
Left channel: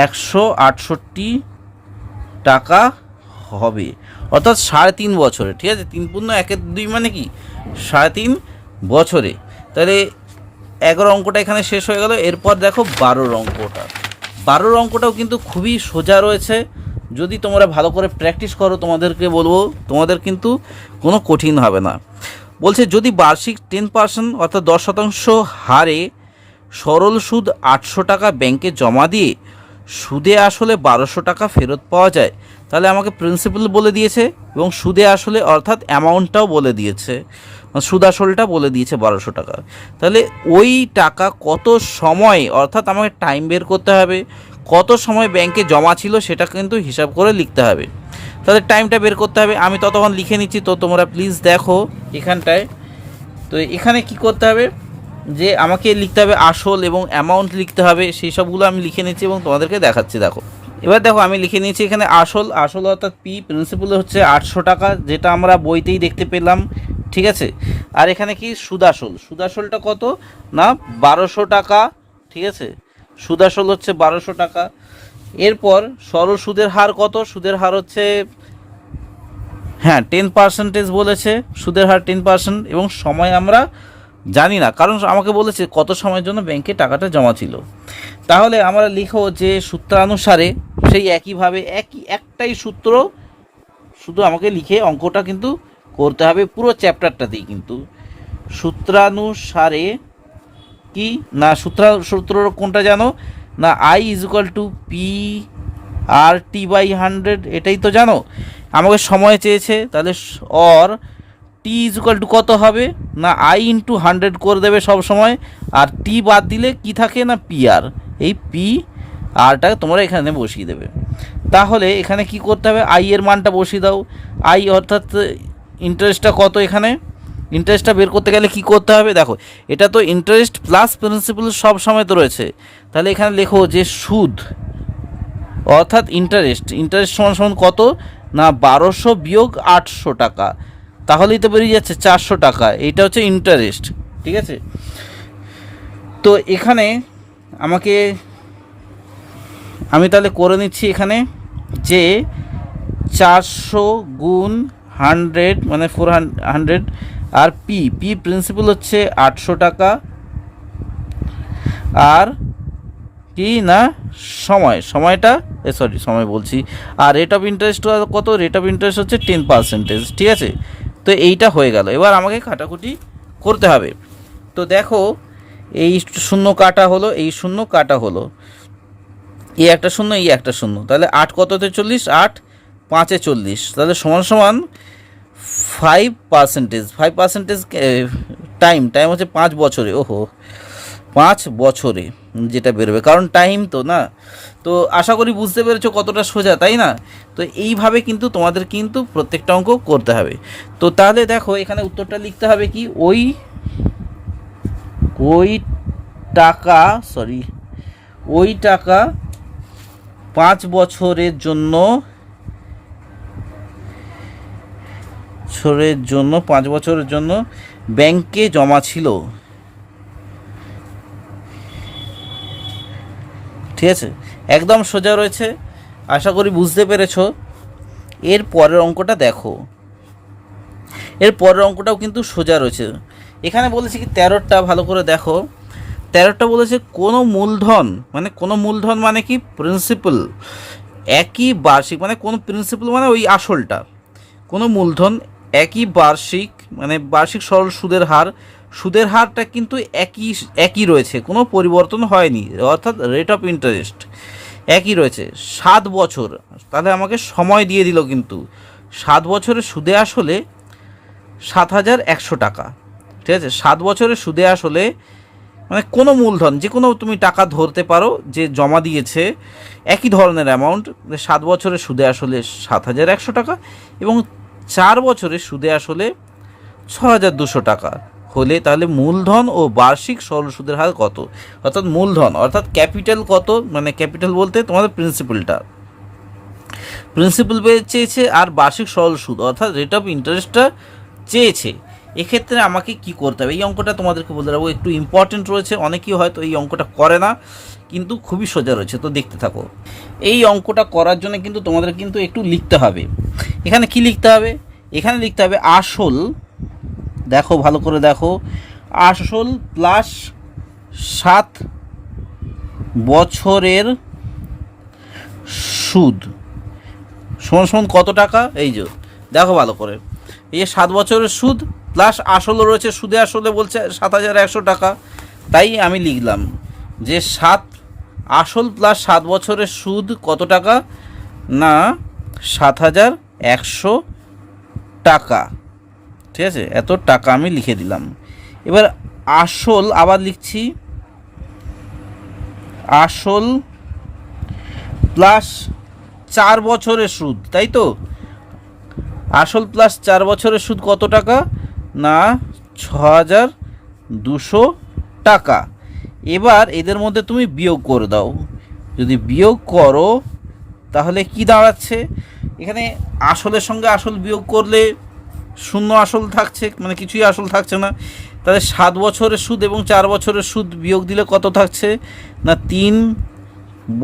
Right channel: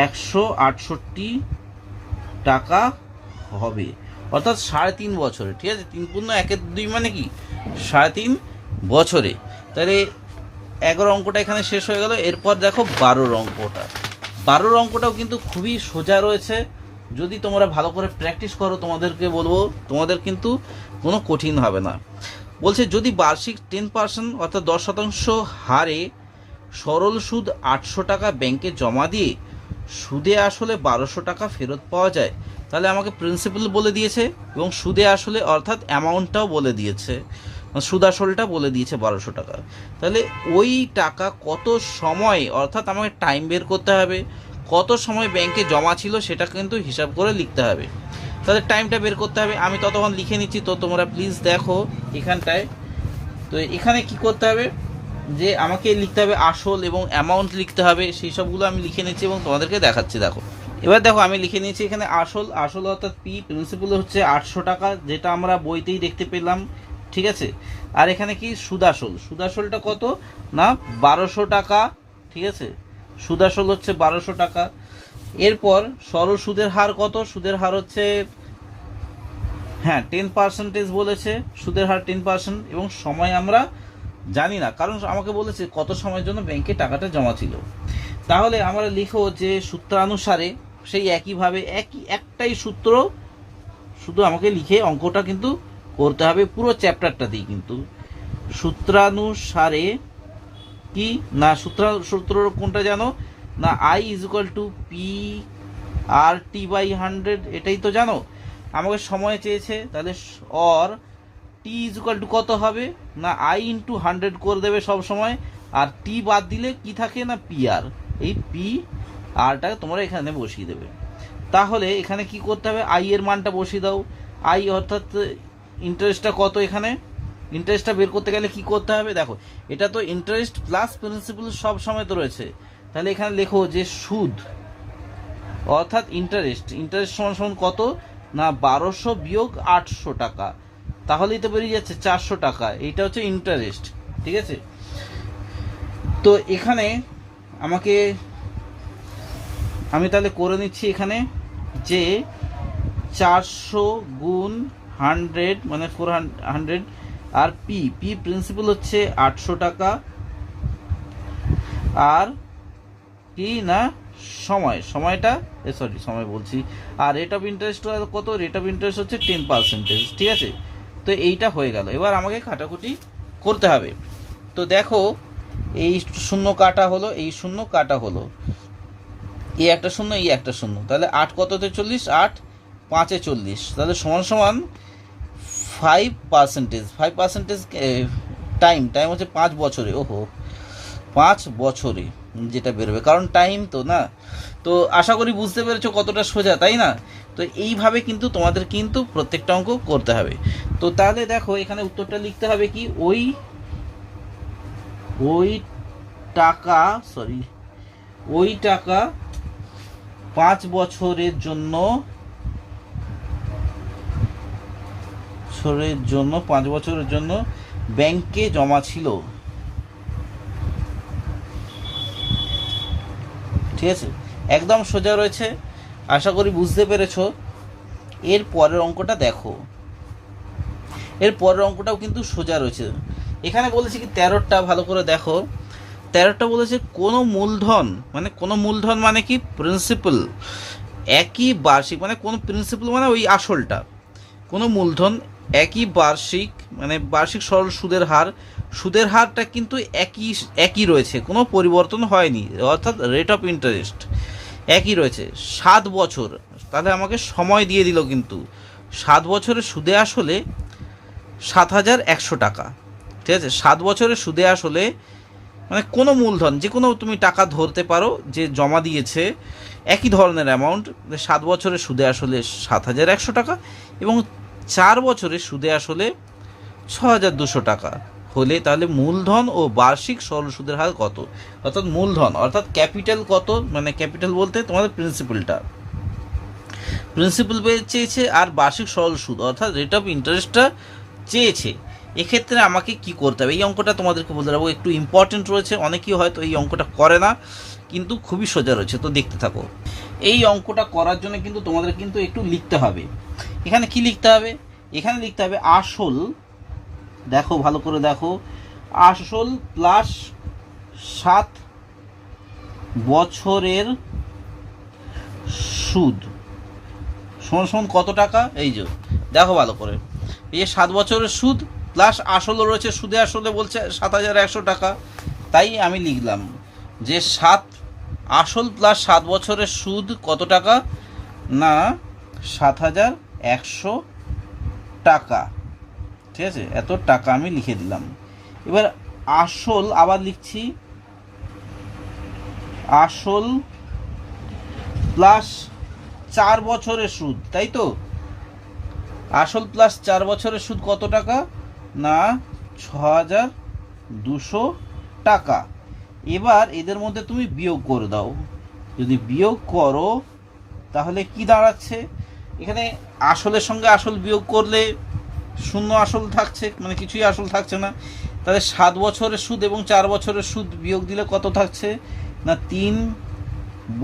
168 টাকা হবে, অর্থাৎ 3.5 বছরে, ঠিক আছে। 3.12 মানে কি 3.5 বছরে। তাহলে 11 অঙ্কটা এখানে শেষ হয়ে গেল। এরপর দেখো 12 অঙ্কটাও কিন্তু খুবই সোজা রয়েছে, যদি তোমরা ভালো করে প্র্যাকটিস করো, তোমাদেরকে বলবো, তোমাদের কিন্তু কোনো কঠিন হবে না। বলছে যদি বার্ষিক 10%, অর্থাৎ 10% হারে সরল সুদ 800 টাকা ব্যাংকে জমা দিয়ে সুদে আসলে 1200 টাকা ফেরত পাওয়া যায়, তাহলে আমাকে প্রিন্সিপাল বলে দিয়েছে এবং সুদে আসলে অর্থাৎ অ্যামাউন্টটাও বলে দিয়েছে, সুদ আসলটা বলে দিয়েছে 1200 টাকা। তাহলে ওই টাকা কত সময় অর্থাৎ আমাকে টাইম বের করতে হবে, কত সময় ব্যাংকে জমা ছিল সেটা কিন্তু হিসাব করে লিখতে হবে। তাহলে টাইমটা বের করতে হবে, আমি ততক্ষণ লিখে নিচ্ছি। তো তোমরা প্লিজ দেখো এখানটায়। তো এখানে কি করতে হবে যে আমাকে লিখতে হবে আসল এবং অ্যামাউন্ট লিখতে হবে, সেই সবগুলো আমি লিখে নিচ্ছি এবং তোমাদেরকে দেখাচ্ছি। দেখো এবার দেখো আমি লিখে নিয়েছি এখানে আসল অর্থাৎ পি, প্রিন্সিপাল হচ্ছে 800 টাকা, যেটা আমরা বইতেই দেখতে পেলাম, ঠিক আছে। আর এখানে কি সুদাসলটা কত না 1200 টাকা, ঠিক আছে। সুদাসল হচ্ছে 1200 টাকা। এরপর সরল সুদের হার কত, সুদের হার হচ্ছে 10% বলেছে, সুদের হার 10% এবং সময় আমরা জানি না, কারণ আমাকে বলেছে কত সময়ের জন্য ব্যাংকে টাকাটা জমা ছিল। তাহলে আমরা লিখো যে সূত্রানুসারে সেই একইভাবে একটাই সূত্র, শুধু আমাকে লিখে অঙ্কটা কিন্তু করতে হবে পুরো চ্যাপ্টারটাতেই। কিন্তু সূত্রানুসারে কি না, সূত্র কোনটা জানো না, I = P/RT/100, এটাই তো জানো। আমাকে সময় চেয়েছে, তাহলে T = কত হবে না I × 100 করে দেবে সব সময়, আর T বাদ দিলে কি থাকে না PR, এই PR-টা তোমরা এখানে বসিয়ে দেবে। তাহলে এখানে কি করতে হবে, I এর মানটা বসিয়ে দাও। I অর্থাৎ ইন্টারেস্টটা কত, এখানে ইন্টারেস্টটা বের করতে গেলে কি করতে হবে, দেখো এটা তো ইন্টারেস্ট প্লাস প্রিন্সিপাল সব সময় তো রয়েছে। তাহলে এখানে লেখো যে সুদ অর্থাৎ ইন্টারেস্ট সমান কত না 1200 বিয়োগ 800 টাকা, তাহলেই তো বেরিয়ে যাচ্ছে 400 টাকা। এইটা হচ্ছে ইন্টারেস্ট, ঠিক আছে। তো এখানে আমি তাহলে করে নিচ্ছি এখানে যে 400 গুণ 100 মানে 400, আর পি প্রিন্সিপাল হচ্ছে 800 টাকা, আর কি না সময়টা সময় বলছি, আর রেট অফ ইন্টারেস্ট কত, রেট অফ ইন্টারেস্ট হচ্ছে 10%, ঠিক আছে। তো এইটা হয়ে গেল, এবার আমাকে কাটাকুটি করতে হবে। তো দেখো এই শূন্য কাটা হলো, এই শূন্য কাটা হলো, এই একটা শূন্য, এই একটা শূন্য, তাহলে 8 কততে 40, 8 5-এ 40, তাহলে সমান 5%। টাইম হচ্ছে 5 বছরে, 5 বছরে যেটা বেরোবে, কারণ টাইম তো না। তো আশা করি বুঝতে পেরেছো কতটা সোজা, তাই না। তো এইভাবে কিন্তু তোমাদের কিন্তু প্রত্যেকটা অঙ্ক করতে হবে। তো তাহলে দেখো এখানে উত্তরটা লিখতে হবে কি, ওই টাকা 5 বছরের জন্য 5 বছরের জন্য ব্যাংকে জমা ছিল, ঠিক আছে। একদম সোজা রয়েছে, আশা করি বুঝতে পেরেছো। এর পরের অঙ্কটা দেখো, এর পরের অঙ্কটাও কিন্তু সোজা রয়েছে। এখানে বলেছে কি 13টা, ভালো করে দেখো 13টা বলেছে কোনো মূলধন মানে কি প্রিন্সিপাল একই বার্ষিক, মানে কোনো প্রিন্সিপাল মানে ওই আসলটা, কোনো মূলধন একই বার্ষিক মানে বার্ষিক সরল সুদের হারটা কিন্তু একই রয়েছে, কোনো পরিবর্তন হয়নি, অর্থাৎ রেট অফ ইন্টারেস্ট একই রয়েছে 7 বছর। তাহলে আমাকে সময় দিয়ে দিল, কিন্তু 7 বছরের সুদে আসলে 7100 টাকা, ঠিক আছে। 7 বছরের সুদে আসলে মানে কোনো মূলধন যে কোনো তুমি টাকা ধরতে পারো যে জমা দিয়েছে একই ধরনের অ্যামাউন্ট, 7 বছরের সুদে আসলে 7100 টাকা এবং 4 বছরের সুদে আসলে 6200 টাকা হলে, তাহলে মূলধন ও বার্ষিক সরল সুদের হার কত, অর্থাৎ মূলধন অর্থাৎ ক্যাপিটাল কত, মানে ক্যাপিটাল বলতে তোমাদের প্রিন্সিপাল চেয়েছে, আর বার্ষিক সরল সুদ অর্থাৎ রেট অফ ইন্টারেস্টটা চেয়েছে। এক্ষেত্রে আমাকে কি করতে হবে, এই অঙ্কটা তোমাদেরকে বলতে পারবো, একটু ইম্পর্টেন্ট রয়েছে, অনেকেই হয়তো এই অঙ্কটা করে না, কিন্তু খুবই সোজা রয়েছে। তো দেখতে থাকো, এই অঙ্কটা করার জন্য কিন্তু তোমাদের কিন্তু একটু লিখতে হবে। এখানে কি লিখতে হবে, এখানে লিখতে হবে আসল, দেখো ভালো করে দেখো, আসল প্লাস 7 বছরের সুদ সমান কত টাকা, এই যে দেখো ভালো করে, এই 7 বছরের সুদ প্লাস আসলও রয়েছে, সুদে আসলে বলছে 7100 টাকা, তাই আমি লিখলাম যে আসল প্লাস 7 বছরের সুদ কত টাকা না 7,100 টাকা। ঠিক আছে, এত টাকা আমি লিখে দিলাম। এবার আসল আবার লিখছি, আসল প্লাস 4 বছরের সুদ, তাই তো? আসল প্লাস 4 বছরের সুদ কত টাকা? না 6,200 টাকা। এবার এদের মধ্যে তুমি বিয়োগ করে দাও। যদি বিয়োগ করো তাহলে কি দাঁড়াচ্ছে? এখানে আসলের সঙ্গে আসল বিয়োগ করলে শূন্য আসল থাকছে, মানে কিছুই আসল থাকছে না। তাহলে 7 বছরের সুদ এবং 4 বছরের সুদ বিয়োগ দিলে কত থাকছে? না 3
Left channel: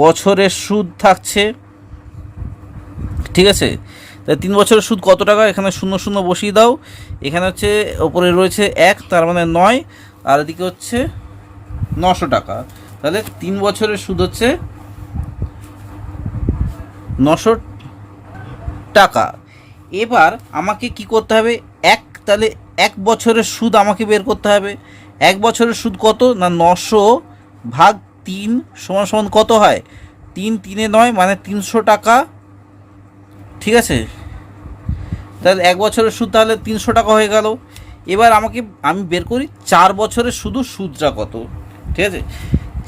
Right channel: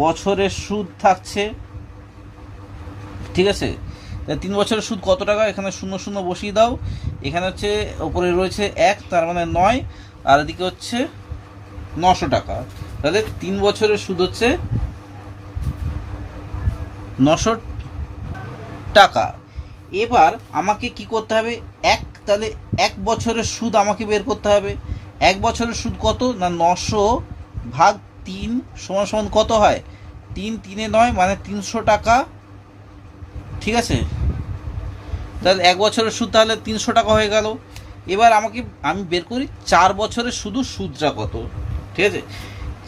বছরের সুদ থাকছে। ঠিক আছে, তাহলে 3 বছরের সুদ কত টাকা? এখানে শূন্য শূন্য বসিয়ে দাও। এখানে হচ্ছে ওপরে রয়েছে 1, তার মানে 9, আর এদিকে হচ্ছে 900 টাকা। তাহলে 3 বছরের সুদ হচ্ছে 900 টাকা। এবার আমাকে কি করতে হবে? তাহলে 1 বছরের সুদ আমাকে বের করতে হবে। 1 বছরের সুদ কত? না 900 ভাগ 3 সমান সমান কত হয়? 3 3 9, মানে 300 টাকা। ঠিক আছে, তাহলে 1 বছরের সুদ তাহলে 300 টাকা হয়ে গেল। এবার আমি বের করি 4 বছরের শুধু সুদটা কত। ঠিক আছে,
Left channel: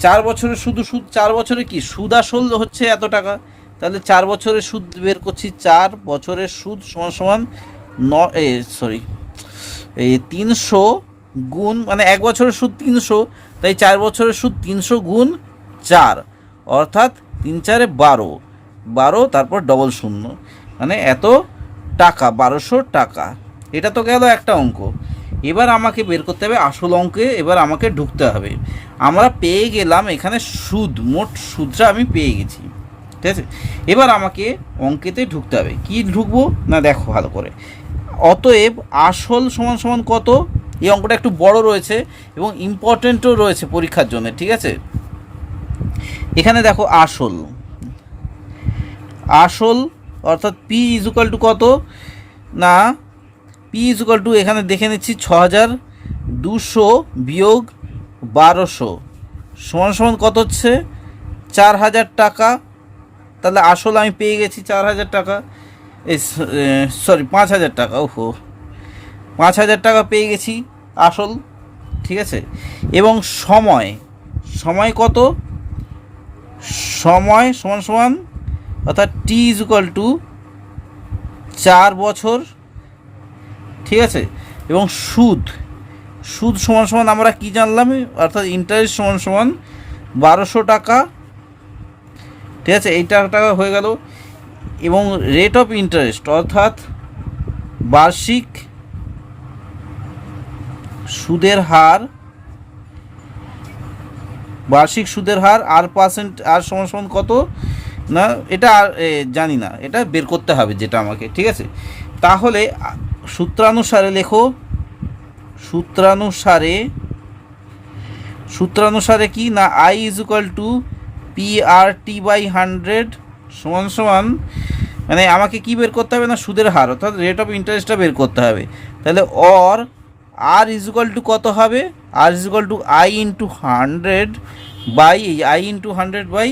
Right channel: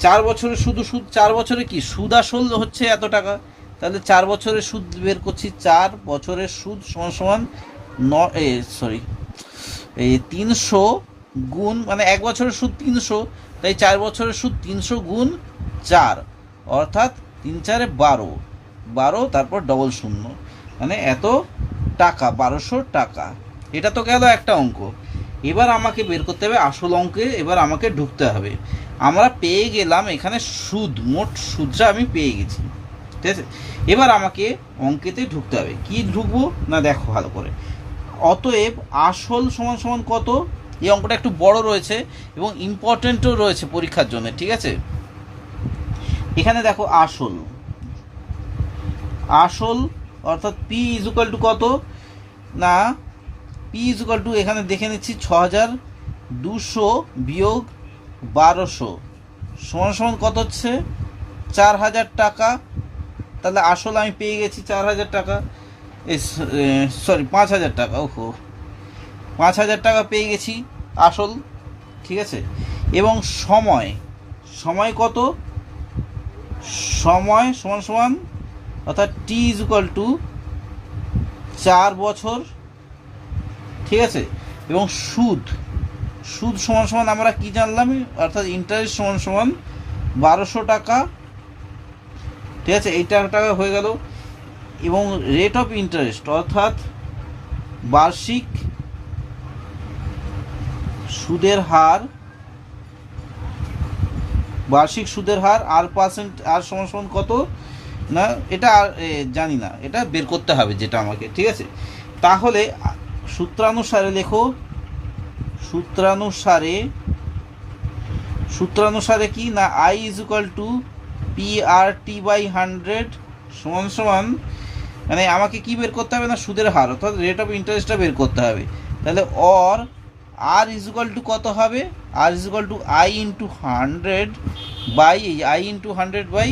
4 বছরের শুধু সুদ, 4 বছরে কি সুদ আসল হচ্ছে এত টাকা। তাহলে 4 বছরের সুদ বের করছি। 4 বছরের সুদ সমান সমান 300 গুণ, মানে 1 বছরের সুদ 300, তাই 4 বছরের সুদ 300 গুণ 4, অর্থাৎ 3 4 12, 12 তারপর ডবল শূন্য, মানে এত টাকা, 1200 টাকা। এটা তো গেল একটা অঙ্ক। এবার আমাকে বের করতে হবে আসল অঙ্কে। এবার আমাকে ঢুকতে হবে। আমরা পেয়ে গেলাম এখানে সুদ, মোট সুদটা আমি পেয়ে গেছি। ঠিক আছে, এবার আমাকে অঙ্কেতে ঢুকতে হবে। কি ঢুকবো না দেখো ভালো করে। অতএব আসল সমান সমান কত? এই অঙ্কটা একটু বড় রয়েছে এবং ইম্পর্টেন্টও রয়েছে পরীক্ষার জন্য। ঠিক আছে, এখানে দেখো আসল, আসল অর্থাৎ পি ইজুকাল টু কত? না পি ইজুকাল টু, এখানে দেখে নিচ্ছি 6,200 বিয়োগ 1200 সমান সমান কত হচ্ছে? 4,000 টাকা। তাহলে আসল আমি পেয়ে গেছি 4,000 টাকা, সরি 5,000 টাকা। ওহো, 5,000 টাকা পেয়ে গেছি আসল। ঠিক আছে, এবং সময়, সময় কত? সময় সমান সমান, অর্থাৎ টি ইজুকাল টু 4 বছর। ঠিক আছে, এবং সুদ, সুদ সমান সমান আমরা কি জানলাম? অর্থাৎ ইন্টারেস্ট সমান সমান 1200 টাকা। ঠিক আছে, এই টাকা হয়ে গেল। এবং রেট অফ ইন্টারেস্ট অর্থাৎ বার্ষিক সুদের হার, বার্ষিক সুদের হার আর পার্সেন্ট, আর সমান সমান কত? না এটা আর জানি না, এটা বের করতে হবে যেটা আমাকে। ঠিক আছে, তাহলে সূত্রানুসারে লেখো। সূত্রানুসারে কি না I is equal to PRT by 100 সমান সমান, মানে আমাকে কি বের করতে হবে? না সুদের হার, অর্থাৎ রেট অফ ইন্টারেস্টটা বের করতে হবে। তাহলে or R is equal to কত হবে? R is equal to I into 100 by I into 100 by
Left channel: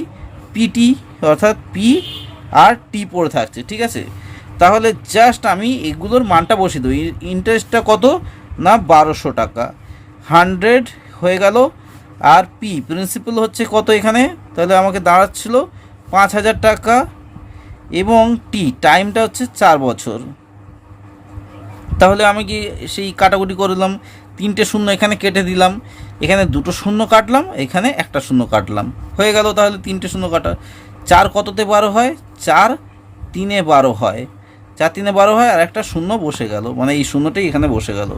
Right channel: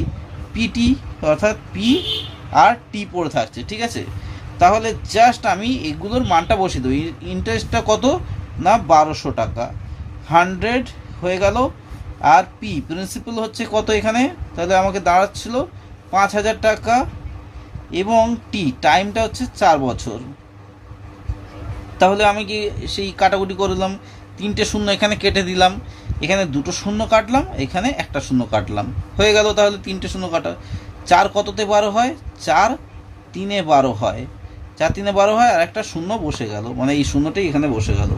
PT, অর্থাৎ PRT পড়ে থাকছে। ঠিক আছে, তাহলে জাস্ট আমি এগুলোর মানটা বসিয়ে দেবো। ইন্টারেস্টটা কত? না 1200 টাকা। 100 হয়ে গেল, আর প্রিন্সিপাল হচ্ছে কত এখানে? তাহলে আমাকে দাঁড়াচ্ছিল 5,000 টাকা, এবং টাইমটা হচ্ছে 4 বছর। তাহলে আমি কি সেই কাটাকুটি করলাম, 3টে শূন্য এখানে কেটে দিলাম, এখানে 2টো শূন্য কাটলাম, এখানে একটা শূন্য কাটলাম, হয়ে গেল। তাহলে 3টে শূন্য কাটা, 4 কততে 12 হয়? 4 3 12 হয়, 4 3 12 হয়, আর একটা শূন্য বসে গেল, মানে এই শূন্যটাই এখানে বসে গেল।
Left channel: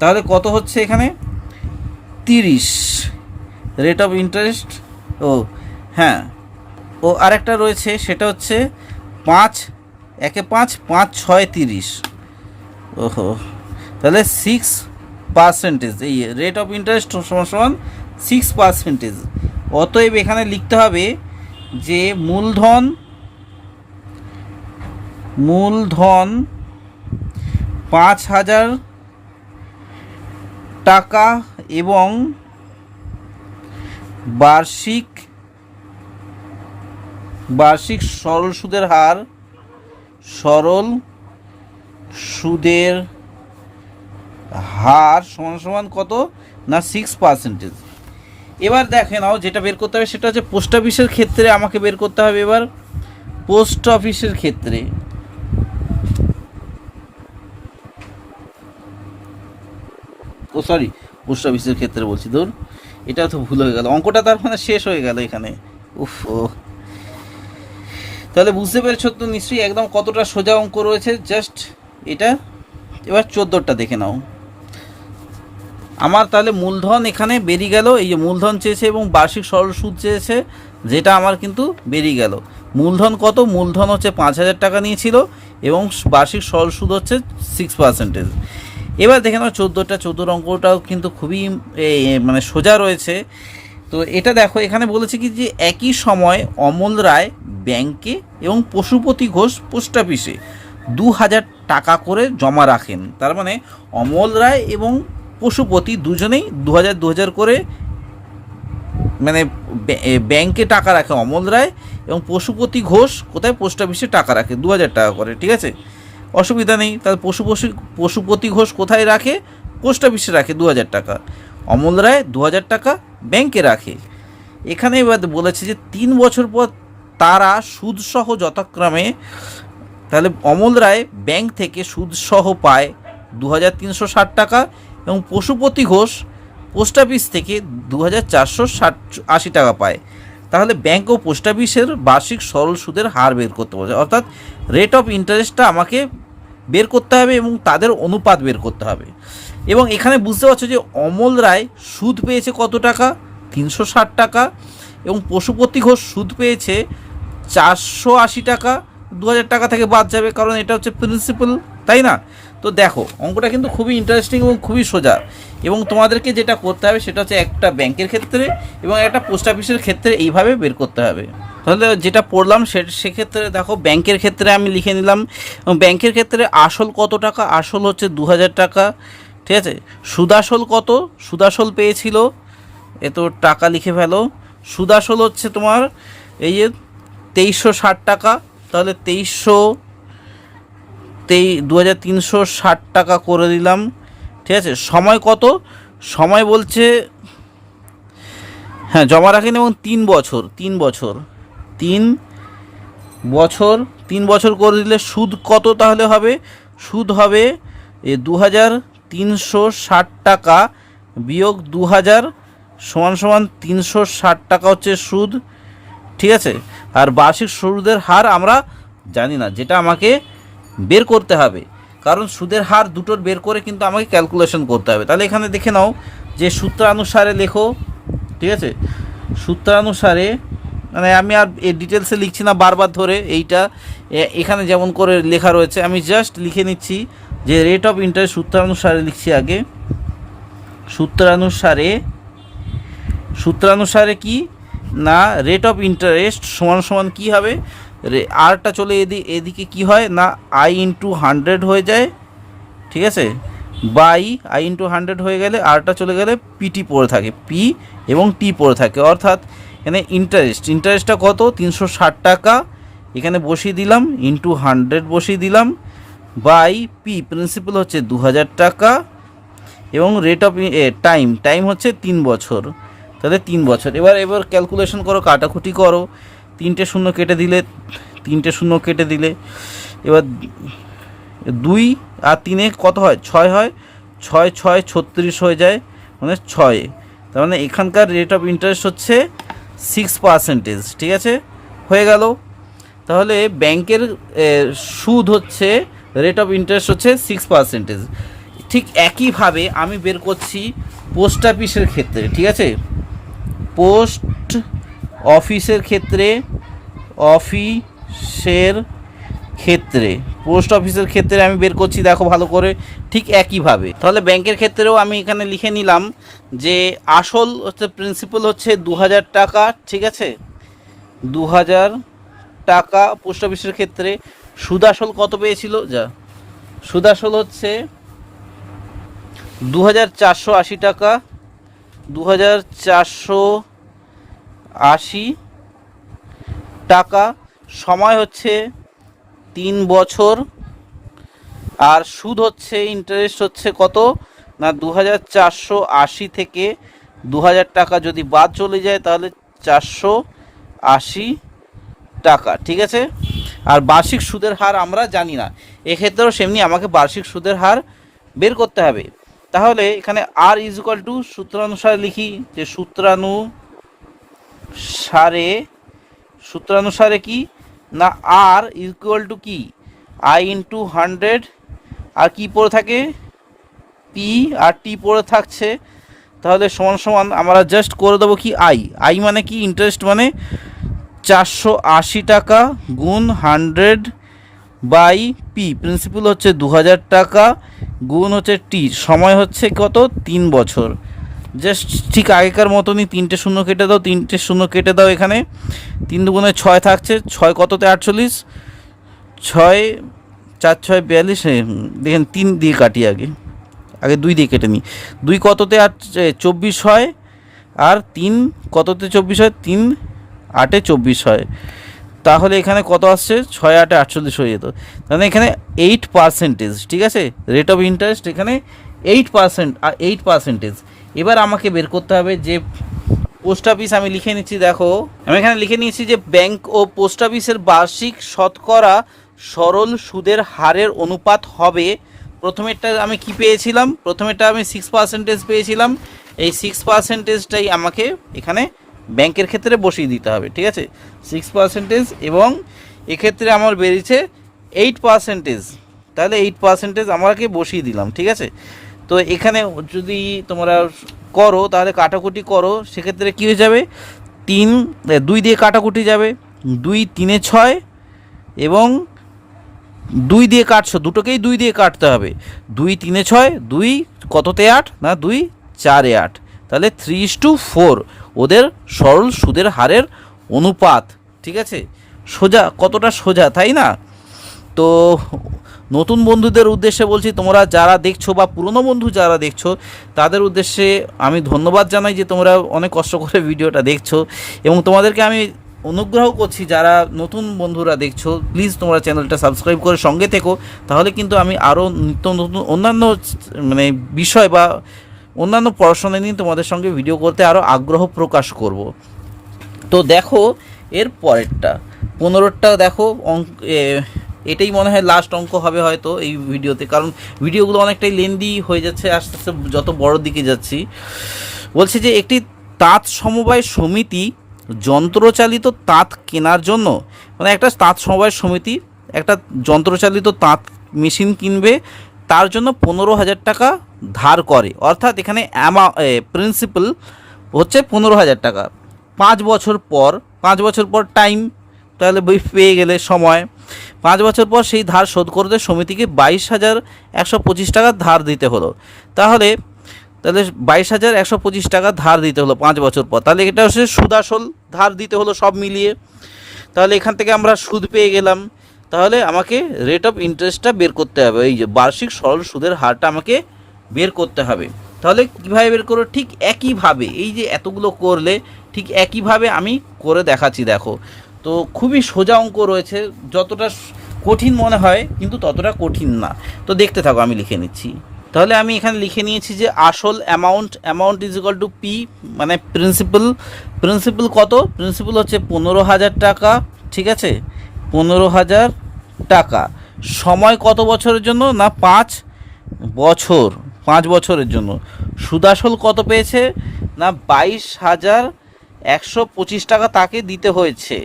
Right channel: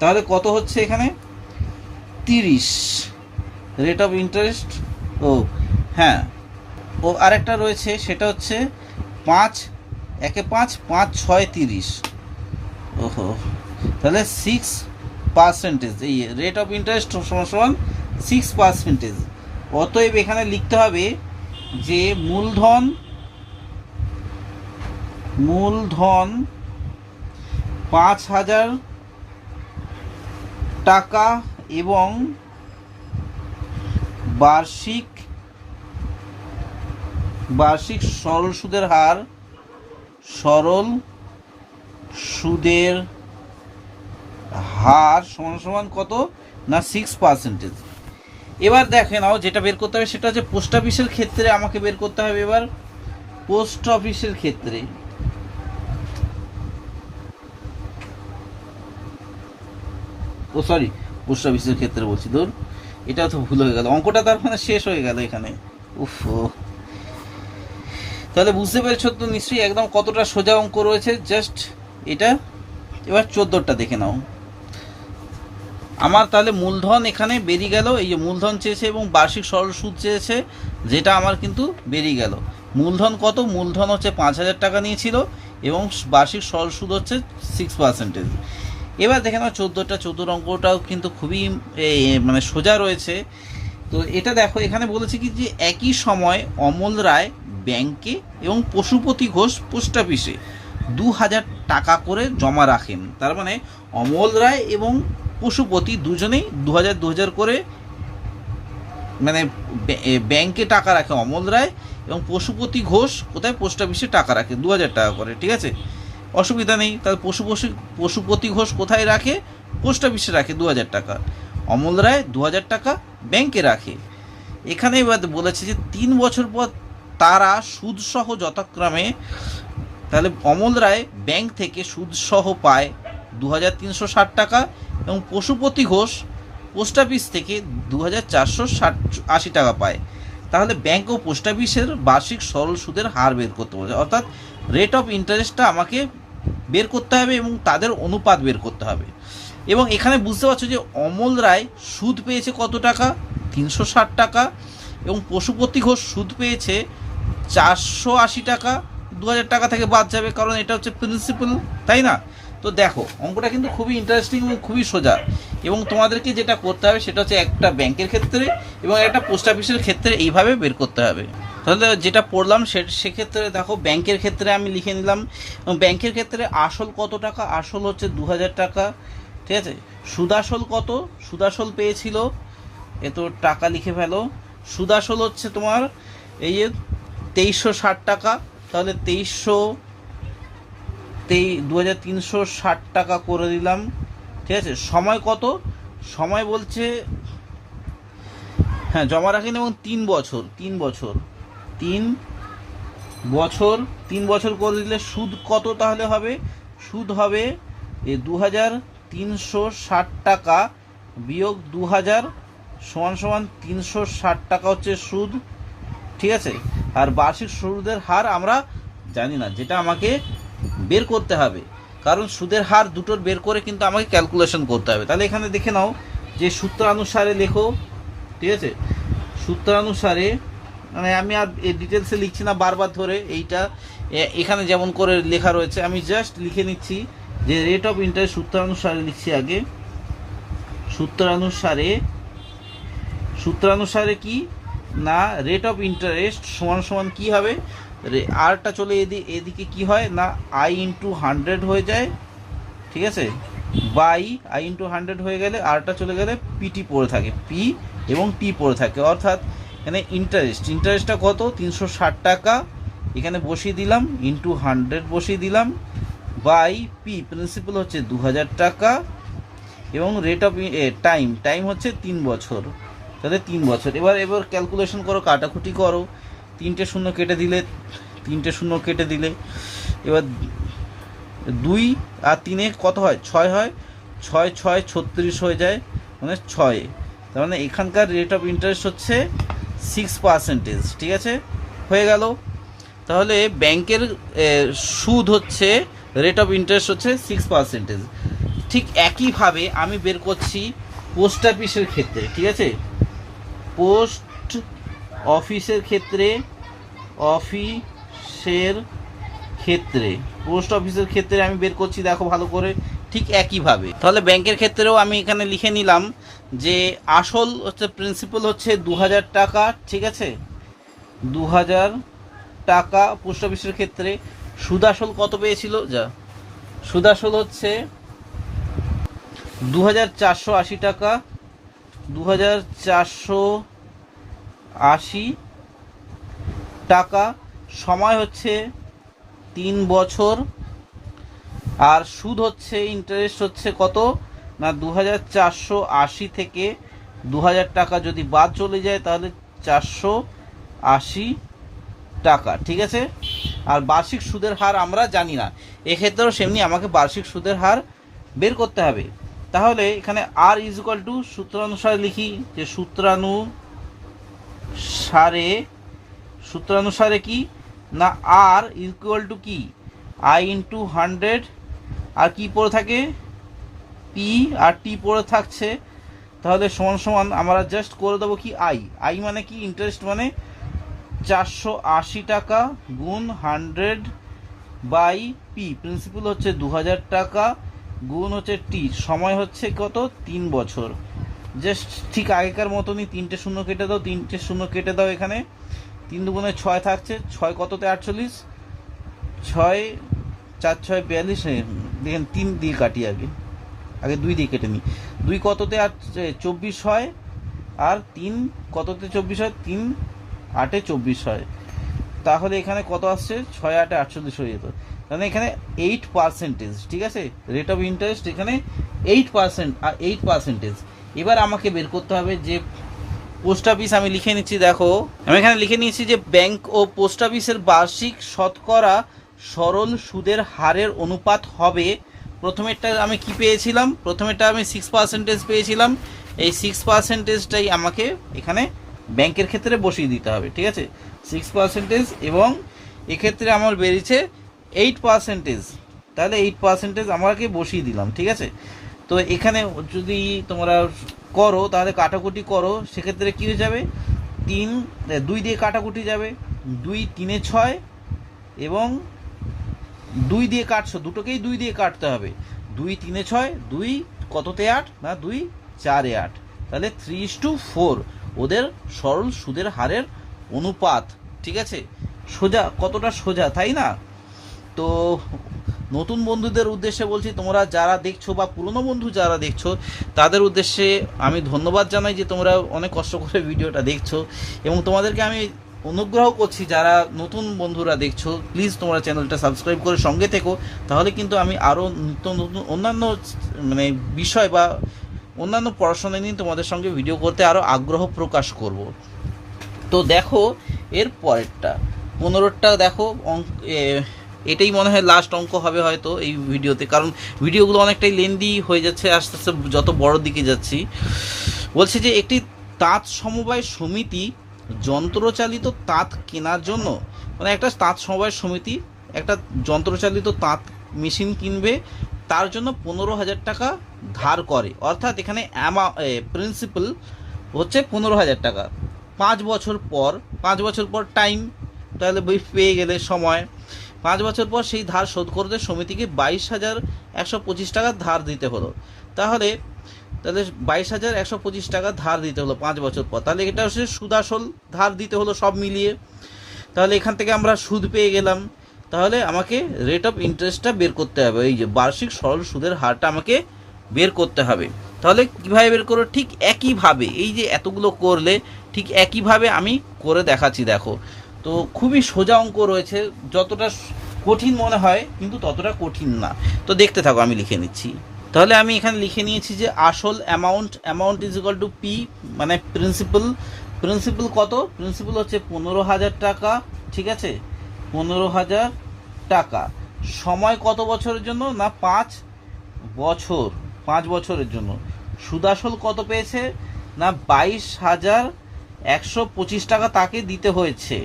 তাহলে কত হচ্ছে এখানে? 30 রেট অফ ইন্টারেস্ট। ও হ্যাঁ, ও আরেকটা রয়েছে, সেটা হচ্ছে 5 1 5 5 6 30। ওহো, তাহলে 6%, এই রেট অফ ইন্টারেস্ট সমান সমান 6%। অতএব এখানে লিখতে হবে যে মূলধন 5,000 টাকা এবং বার্ষিক সরল সুদের হার সরল সুদের হার সমান সমান কত না 6%। এবার দেখে নাও যেটা বের করতে হবে সেটা হচ্ছে পোস্ট অফিসের ক্ষেত্রে আমাকে বের করতে হবে। এবার পোস্ট অফিসের ক্ষেত্রে পোস্ট অফিসের ক্ষেত্রে বলছি, ধর এটা তো ভুল হয়ে গেল, অঙ্কটা তার মানে শেষ হয়ে গেল এখানে। উফ, তাহলে বুঝতে পেরেছো তো নিশ্চয়ই একদম কতটা সোজা অঙ্ক রয়েছে, জাস্ট এটা। এবার 14টা দেখে নাও। আমার তাহলে মূলধন এখানে বেরিয়ে গেল, এই যে মূলধন চেয়েছে এবং বার্ষিক সরল সুদ চেয়েছে, যেটা আমার কিন্তু বেরিয়ে গেল। মূলধন কত? মূলধন হচ্ছে 5,000 টাকা নিয়েছিল এবং বার্ষিক সরল সুদ হচ্ছে 6%। এবার দেখে নাও 14 অঙ্কটাও কিন্তু খুবই মানে সোজা রয়েছে। তো এটা দেখো, এখানে বলেছে কি যে একই সময় অমল রায় ব্যাংকে এবং পশুপতি ঘোষ পোস্ট অফিসে 2,000 টাকা করে জমা রাখেন। তার মানে অমল রায় এবং পশুপতি দুজনেই 2,000 করে মানে ব্যাংকে টাকা রাখে অমল রায়, এবং পশুপতি ঘোষ কোথায়? পোস্ট অফিসে টাকা রাখে 2,000 টাকা করে। ঠিক আছে, অসুবিধা নেই। তাহলে পশুপতি ঘোষ কোথায় রাখে? পোস্ট অফিসে রাখে 2,000 টাকা। অমল রায় 2,000 টাকা ব্যাংকে রাখে। এখানে এবার বলেছে যে 3 বছর পর তারা সুদসহ যথাক্রমে, তাহলে অমল রায় ব্যাংক থেকে সুদসহ পায় 2,360 টাকা এবং পশুপতি ঘোষ পোস্ট অফিস থেকে 2,480 টাকা পায়। তাহলে ব্যাংক ও পোস্ট অফিসের বার্ষিক সরল সুদের হার বের করতে বলছে, অর্থাৎ রেট অফ ইন্টারেস্টটা আমাকে বের করতে হবে এবং তাদের অনুপাত বের করতে হবে। এবং এখানে বুঝতে পারছো যে অমল রায় সুদ পেয়েছে কত টাকা? 360 টাকা, এবং পশুপতি ঘোষ সুদ পেয়েছে 480 টাকা। 2,000 টাকা থেকে বাদ যাবে, কারণ এটা হচ্ছে প্রিন্সিপাল, তাই না? তো দেখো অঙ্কটা কিন্তু খুবই ইন্টারেস্টিং এবং খুবই সোজা। এবং তোমাদেরকে যেটা করতে হবে সেটা হচ্ছে একটা ব্যাংকের ক্ষেত্রে এবং একটা পোস্ট অফিসের ক্ষেত্রে এইভাবে বের করতে হবে। তাহলে যেটা পড়লাম সেক্ষেত্রে দেখো, ব্যাংকের ক্ষেত্রে আমি লিখে নিলাম। এবং ব্যাংকের ক্ষেত্রে আসল কত টাকা? আসল হচ্ছে 2,000 টাকা। ঠিক আছে, সুদাসল কত? সুদাসল পেয়েছিল, এত টাকা লিখে ফেলো। সুদাসল হচ্ছে তোমার এই যে 2,360 টাকা। তাহলে 2,360 টাকা করে দিলাম। ঠিক আছে, সময় কত? সময় বলছে, হ্যাঁ জমা রাখেন এবং 3 বছর 3 বছর করে দিলে সুদ কত তাহলে হবে? সুদ হবে 2,360 টাকা বিয়োগ 2,000 সমান 360 টাকা হচ্ছে সুদ। ঠিক আছে, আর বার্ষিক সুদের হার আমরা জানি না, যেটা আমাকে বের করতে হবে, কারণ সুদের হার দুটোর বের করে কিন্তু আমাকে ক্যালকুলেশন করতে হবে। তাহলে এখানে দেখে নাও যে সূত্রানুসারে লেখো। ঠিক আছে, সূত্রানুসারে মানে আমি আর ডিটেলসে লিখছি না বারবার ধরে, এইটা এখানে যেমন করে লেখা রয়েছে আমি জাস্ট লিখে নিচ্ছি যে রেট অফ ইন্টারেস্ট সূত্রানুসারে লিখছি আগে। সূত্রানুসারে কি না, রেট অফ ইন্টারেস্ট সমান কি হবে? আরটা চলে এদিকে কি হয় না, I/100 হয়ে যায়। ঠিক আছে, বাই I/100 হয়ে গেলে আরটা চলে গেলে পিটি পড়ে থাকে, পি এবং টি পড়ে থাকে। অর্থাৎ এখানে ইন্টারেস্টটা কত? 360 টাকা এখানে বসিয়ে দিলাম, ইন্টু 100 বসিয়ে দিলাম, বাই পি প্রিন্সিপাল হচ্ছে 2,000 টাকা, এবং রেট অফ টাইম হচ্ছে 3 বছর। তাহলে 3 বছর। এবার ক্যালকুলেশন করো, কাটাকুটি করো, 3টে শূন্য কেটে দিলে এবার 2 আর 3 কত হয়? 6 হয়। 6 36 হয়ে যায়, মানে 6। তার মানে এখানকার রেট অফ ইন্টারেস্ট হচ্ছে 6%। ঠিক আছে, হয়ে গেল। তাহলে ব্যাংকের সুদ হচ্ছে, রেট অফ ইন্টারেস্ট হচ্ছে 6%। ঠিক একইভাবে আমি বের করছি পোস্ট অফিসের ক্ষেত্রে। ঠিক আছে, পোস্ট অফিসের ক্ষেত্রে আমি বের করছি, দেখো ভালো করে, ঠিক একইভাবে। তাহলে ব্যাংকের ক্ষেত্রেও আমি এখানে লিখে নিলাম যে আসল হচ্ছে প্রিন্সিপাল হচ্ছে 2,000 টাকা। ঠিক আছে, 2,000 টাকা পোস্ট অফিসের ক্ষেত্রে। সুদাসল কত পেয়েছিল? সুদাসল হচ্ছে 2,480 টাকা, 2,480 টাকা। সময় হচ্ছে 3 বছর, আর সুদ হচ্ছে ইন্টারেস্ট হচ্ছে কত না 2480 থেকে 2000 টাকা যদি বাদ চলে যায় তাহলে 480 টাকা, ঠিক আছে। আর বার্ষিক সুদের হার আমরা জানি না, এক্ষেত্রেও সেমনি আমাকে বার্ষিক সুদের হার বের করতে হবে। তাহলে এখানে আর ইজ ইকুয়াল টু সূত্রানুসারে লিখি যে সূত্রানুসারে কি না আর ইকুয়াল টু কি আই ইন্টু 100, আর কি পড়ে থাকে পি আর টি পড়ে থাকছে, তাহলে সমান সমান আমরা জাস্ট করে দেবো কি আই মানে কি ইন্টারেস্ট মানে 480 টাকা গুণ 100 বাই পি, প্রিন্সিপাল হচ্ছে 2000 টাকা গুণ হচ্ছে টি, সময় হচ্ছে কত 3 বছর। জাস্ট ঠিক আগেকার মতনই 3টে শূন্য কেটে দাও, এখানে 3 দুগুণে 6 থাকছে, 6 কততে 48, 6 4 6 42, দেখেন 3 দিয়ে কাটি, আগে 2 দিয়ে কেটে নিই, 2 কততে 24 হয়, আর 3 কততে 24 হয়, 3 8 24 হয়, তাহলে এখানে কত আসছে 6 8 48 হয়ে যেত, তাহলে এখানে 8%, ঠিক আছে, রেট অফ ইন্টারেস্ট এখানে 8% আর 8%। এবার আমাকে বের করতে হবে যে পোস্ট অফিস, আমি লিখে নিচ্ছি, দেখো আমি এখানে লিখে নিয়েছি যে ব্যাংক ও পোস্ট অফিসের বার্ষিক শতকরা সরল সুদের হারের অনুপাত হবে, প্রথমেরটা আমি কি পেয়েছিলাম, প্রথমেরটা আমি 6% পেয়েছিলাম, এই 6%টাই আমাকে এখানে ব্যাংকের ক্ষেত্রে বসিয়ে দিতে হবে, ঠিক আছে, 6%, এবং এক্ষেত্রে আমার বেরিয়েছে 8%, তাহলে 8% আমাকে বসিয়ে দিলাম, ঠিক আছে। তো এখানে যদি তোমরা করো তাহলে কাটাকুটি করো, সেক্ষেত্রে কী হয়ে যাবে, 2 দিয়ে কাটাকুটি যাবে, 2 3 6, এবং 2 দিয়ে কাটছো, দুটোকেই 2 দিয়ে কাটতে হবে, 2 3 6, 2 কততে 8 না 2 4 8, তাহলে 3:4 ওদের সরল সুদের হারের অনুপাত, ঠিক আছে। সোজা, কতটা সোজা তাই না? তো নতুন বন্ধুদের উদ্দেশ্যে বলছি, তোমরা যারা দেখছো বা পুরনো বন্ধু যারা দেখছো তাদের উদ্দেশ্যে আমি ধন্যবাদ জানাই যে তোমরা অনেক কষ্ট করে ভিডিওটা দেখছো, এবং তোমাদেরকে আমি অনুগ্রহ করছি যারা নতুন বন্ধুরা দেখছো প্লিজ তোমরা চ্যানেলটা সাবস্ক্রাইব করে সঙ্গে থেকো, তাহলে কিন্তু আমি আরও নিত্য নতুন অন্যান্য মানে বিষয় বা অন্যান্য পড়াশোনা নিয়ে তোমাদের সঙ্গে ভিডিও করতে আরও আগ্রহ প্রকাশ করব। তো দেখো এর পরেরটা 15টা দেখো, এটাই মনে হয় লাস্ট অঙ্ক হবে হয়তো এই ভিডিওতে, কারণ ভিডিওগুলো অনেকটাই লেন্দি হয়ে যাচ্ছে আস্তে আস্তে যত বড় দিকে যাচ্ছি। বলছে যে একটি তাঁত সমবায় সমিতি যন্ত্রচালিত তাঁত কেনার জন্য, মানে একটা তাঁত সমবায় সমিতি একটা যন্ত্রচালিত তাঁত মেশিন কিনবে, তার জন্য 15,000 টাকা ধার করে, অর্থাৎ এখানে প্রিন্সিপাল হচ্ছে 15,000 টাকা, 5 বছর পর টাইম, তাহলে বই পেয়ে গেলে সময়, 5 বছর পর সেই ধার শোধ করতে সমিতিকে 22,125 টাকা ধার দিতে হলো, তাহলে 22,125 টাকা ধার দিতে হলো 5 বছর পর, তাহলে এটা হচ্ছে সুদ আসল ধার দিতে হলো সব মিলিয়ে, তাহলে এখান থেকে আমরা সুদ পেয়ে গেলাম, তাহলে আমাকে রেট অফ ইন্টারেস্টটা বের করতে হবে, এই যে বার্ষিক সরল সুদের হারটা আমাকে বের করতে হবে। তাহলে কীভাবে বের করো, ঠিক একইভাবে এই যে এতগুলো করলে ঠিক একইভাবে আমি করে দেখাচ্ছি, দেখো তো খুবই সোজা অঙ্ক রয়েছে, যতটা কঠিন মনে হয় কিন্তু ততটা কঠিন না, তো দেখতে থাকো আমি লিখে নিচ্ছি। তাহলে আমি এখানে লিখে নিয়েছি যে আসল amount is equal to P, মানে প্রিন্সিপাল কত, প্রিন্সিপাল হচ্ছে 15,000 টাকা, ঠিক আছে, 15,000 টাকা, সময় কত বছরের জন্য না 5 বছর, 5 বছরের জন্য, সুদাসল কত পেয়েছে না 22,125 টাকা তাকে দিতে হয়েছে,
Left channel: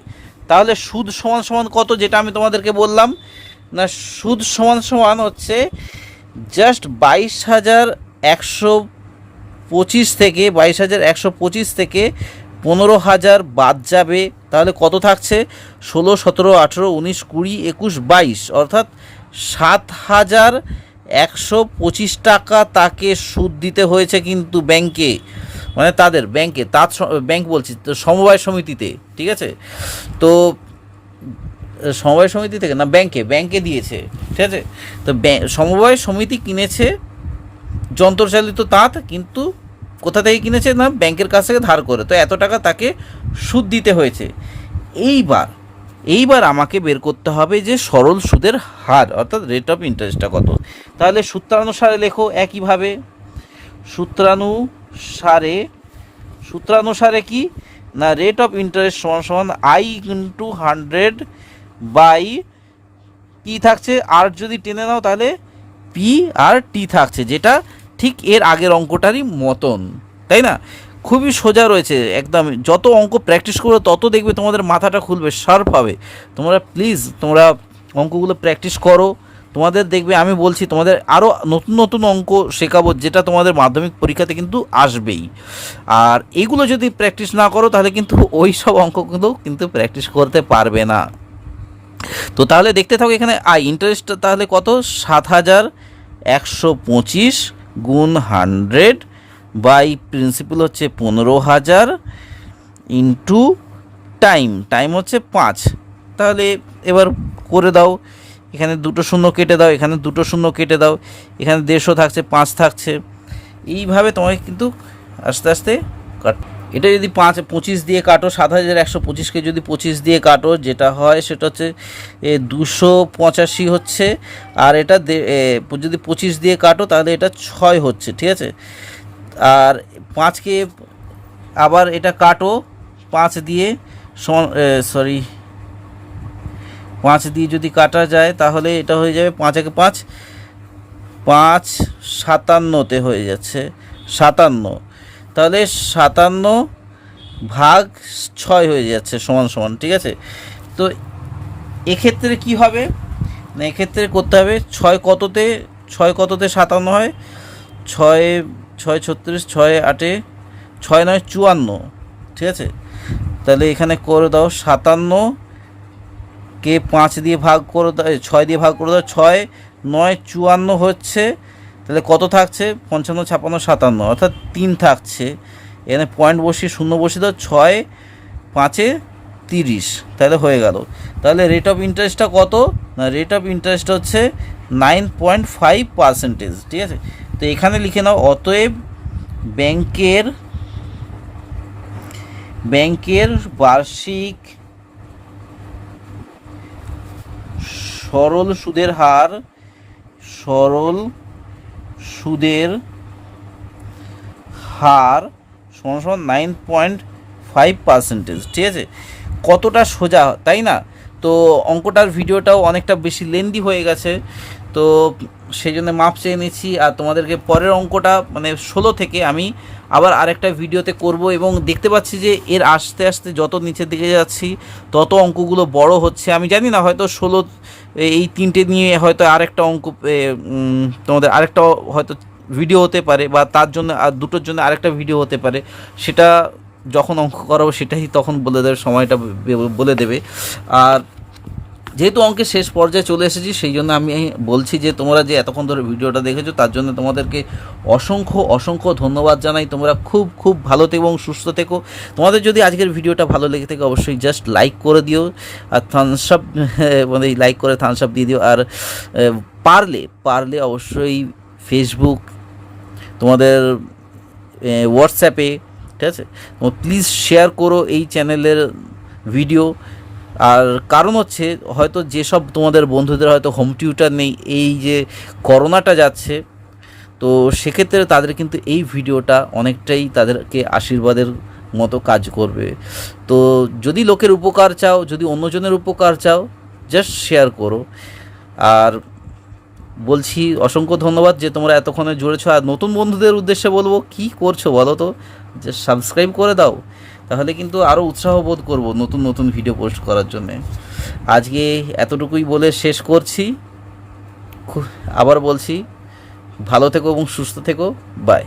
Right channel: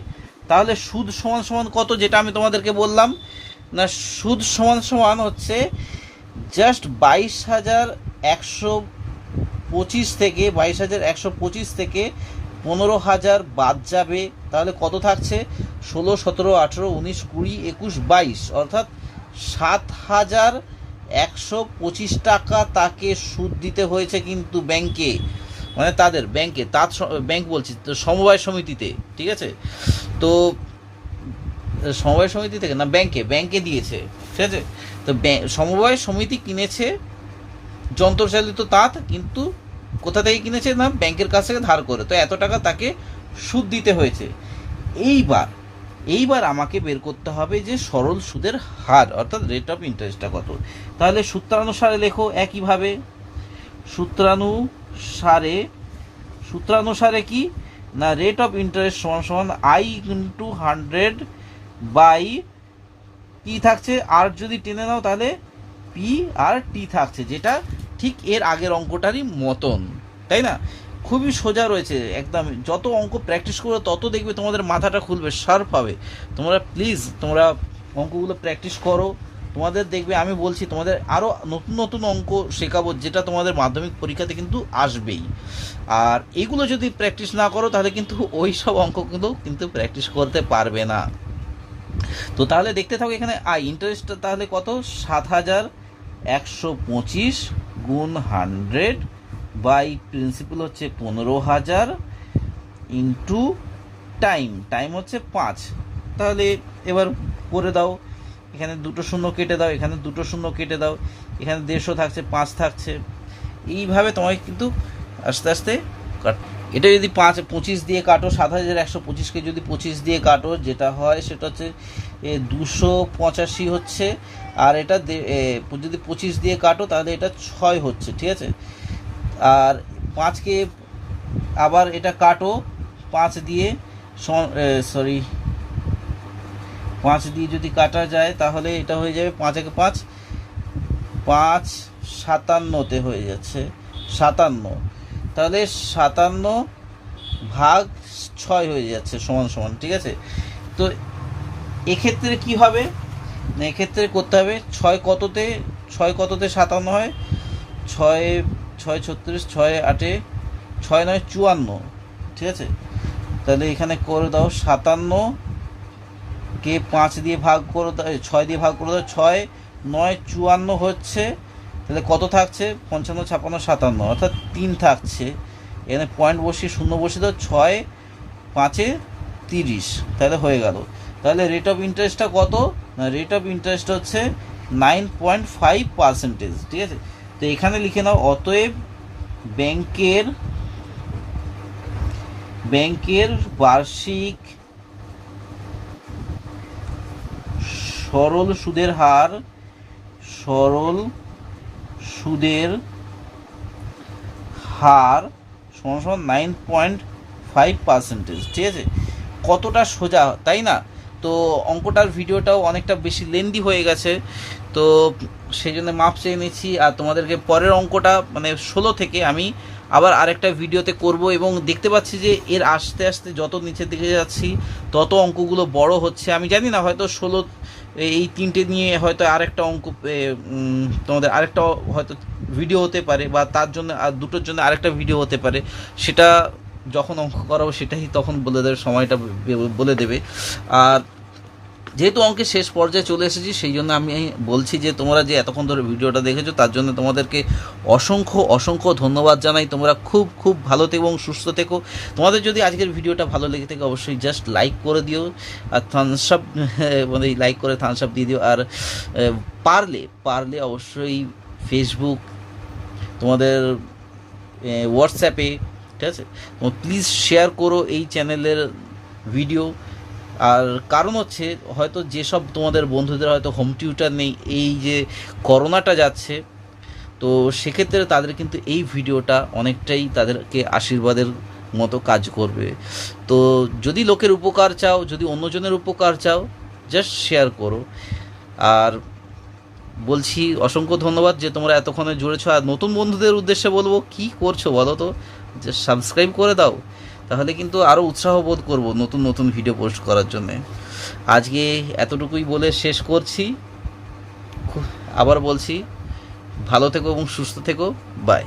তাহলে সুদ সমান সমান কত, যেটা আমি তোমাদেরকে বললাম না, সুদ সমান সমান হচ্ছে জাস্ট 22,125 থেকে 15,000 বাদ যাবে, তাহলে কত থাকছে 16 17 18 19 20 21 22, অর্থাৎ 7,125 টাকা তাকে সুদ দিতে হয়েছে কিন্তু ব্যাংকে, মানে তাদের ব্যাংকে, ব্যাংক বলছি তো সমবায় সমিতিতে, ঠিক আছে, তো সমবায় সমিতি থেকে না ব্যাংকে দিয়েছে, ঠিক আছে, তো সমবায় সমিতি কিনেছে যন্ত্রচালিত তাঁত, কিন্তু কোথা থেকে কিনেছে না ব্যাংকের কাছ থেকে ধার করে, তো এত টাকা তাকে সুদ দিতে হয়েছে। এইবার এইবার আমাকে বের করতে হবে যে সরল সুদের হার অর্থাৎ রেট অফ ইন্টারেস্টটা কত। তাহলে সূত্রানুসারে লেখো একইভাবে। সূত্রানুসারে কি না, রেট অফ ইন্টারেস্ট সমান সমান আই ইন্টু 100 বাই পি থাকছে, আর যদি টেনে নাও তাহলে পি আর টি থাকছে, যেটা ঠিক এর আগের অঙ্কটারই মতন, তাই না? খুবই সোজা রয়েছে একদম। যত অঙ্ক প্র্যাকটিস করবে তত দেখবে তোমাদের মাথাটা খুলবে, শার্প হবে। তোমরা প্লিজ তোমরা অঙ্কগুলো প্র্যাকটিস করো, তোমাদের দেখবে আমি বলছি তোমাদের আরও নতুন নতুন অঙ্ক শেখাবো, যেটা তোমাদের মাধ্যমিক পরীক্ষাতে কিন্তু আসবেই। আর এগুলো যদি প্র্যাকটিস না করো তাহলে কিন্তু ওই সব অঙ্কগুলো কিন্তু প্র্যাকটিস করতে পারবে না। তো তাহলে দেখতে থাকো, এখানে ইন্টারেস্টটা তাহলে কত, 7,125 গুণ 100 বাই প্রিন্সিপাল হচ্ছে 15,000 ইন্টু টাইম হচ্ছে 5। তাহলে এবার করে দাও, এখানে দুটো শূন্য কেটে দাও, এখানে দুটো শূন্য কেটে দাও, এখানে 150 থাকছে, 5 থাকছে। এইভাবে তোমাকে কিন্তু আস্তে আস্তে কাট। এটা যদি 25 দিয়ে কাটো, 7,125কে যদি 25 দিয়ে কাটো, যেটা হয় সেটা হচ্ছে 285 হচ্ছে। আর এটা যদি 25 দিয়ে কাটো তাহলে এটা 6 হচ্ছে, ঠিক আছে। আর 5কে আবার এটা কাটো 5 দিয়ে, 5 দিয়ে যদি কাটা যায় তাহলে এটা হয়ে যাবে 5 একে 5, 5 57তে হয়ে যাচ্ছে 57। তাহলে 57 ভাগ 6 হয়ে যাচ্ছে সমান সমান, ঠিক আছে। তো এক্ষেত্রে কি হবে না, এক্ষেত্রে করতে হবে 6 কততে 57 হয়, 6 36, 6 8, 6 9 54, ঠিক আছে। তাহলে এখানে করে দাও 57কে 5 দিয়ে ভাগ করে দাও, 6 দিয়ে ভাগ করে দাও, 6 9 54 হচ্ছে। তাহলে কত থাকছে, 55 56 57, অর্থাৎ 3 থাকছে। এখানে পয়েন্ট বসিয়ে শূন্য বসিয়ে দাও, 6 5 30, তাহলে হয়ে গেল। তাহলে রেট অফ ইন্টারেস্টটা কত না, রেট অফ ইন্টারেস্ট হচ্ছে 9.5%, ঠিক আছে। তো এখানে লিখে নাও, অতএব ব্যাংকের বার্ষিক সরল সুদের হার সমান সমান 9.5%, ঠিক আছে। কতটা সোজা, তাই না? তো অঙ্কটার ভিডিওটাও অনেকটা বেশি লেন্দি হয়ে গেছে, তো সেই জন্য মাপ চেয়ে নিচ্ছি। আর তোমাদেরকে পরের অঙ্কটা মানে 16 থেকে আমি আবার আরেকটা ভিডিওতে করব, এবং দেখতে পাচ্ছি যে এর আস্তে আস্তে যত নিচের দিকে যাচ্ছি তত অঙ্কগুলো বড় হচ্ছে। আমি জানি না, হয়তো 16 এই 3টে নিয়ে হয়তো আরেকটা অঙ্ক তোমাদের আরেকটা হয়তো ভিডিও হতে পারে, বা তার জন্য আর দুটোর জন্য আরেকটা ভিডিও হতে পারে। সেটা যখন অঙ্ক করাবো সেটাই তখন বলে দেবে, সময়টা বলে দেবে। আর যেহেতু অঙ্কের শেষ পর্যায়ে চলে এসেছি, সেই জন্য আমি বলছি যে তোমরা যে এতক্ষণ ধরে ভিডিওটা দেখেছো তার জন্য তোমাদেরকে অসংখ্য ধন্যবাদ জানাই। তোমরা খুব ভালো থেকো এবং সুস্থ থেকো। তোমাদের যদি আজকের ভিডিওটা ভালো লেগে থাকে অবশ্যই জাস্ট লাইক করে দিও, আর থামস আপ মানে লাইক করে থামস আপ দিয়ে দিও। আর পারলে অবশ্যই ফেসবুক, তোমাদের হোয়াটসঅ্যাপে, ঠিক আছে, প্লিজ শেয়ার করো এই চ্যানেলের ভিডিও। আর কারণ হচ্ছে হয়তো যেসব তোমাদের বন্ধুদের হয়তো হোম টিউটার নেই, এই যে করোনাটা যাচ্ছে, তো সেক্ষেত্রে তাদের কিন্তু এই ভিডিওটা অনেকটাই তাদেরকে আশীর্বাদের মতো কাজ করবে। তো যদি লোকের উপকার চাও, যদি অন্যজনের উপকার চাও, জাস্ট শেয়ার করো। আর বলছি অসংখ্য ধন্যবাদ যে তোমরা এতক্ষণে জুড়েছো। আর নতুন বন্ধুদের উদ্দেশ্যে বলবো, কি করছো বলো তো, যে সাবস্ক্রাইব করে দাও, তাহলে কিন্তু আরও উৎসাহ বোধ করবো নতুন ভিডিও পোস্ট করার জন্যে। আজকে এতটুকুই বলে শেষ করছি। আবার বলছি, ভালো থেকো এবং সুস্থ থেকো, বাই।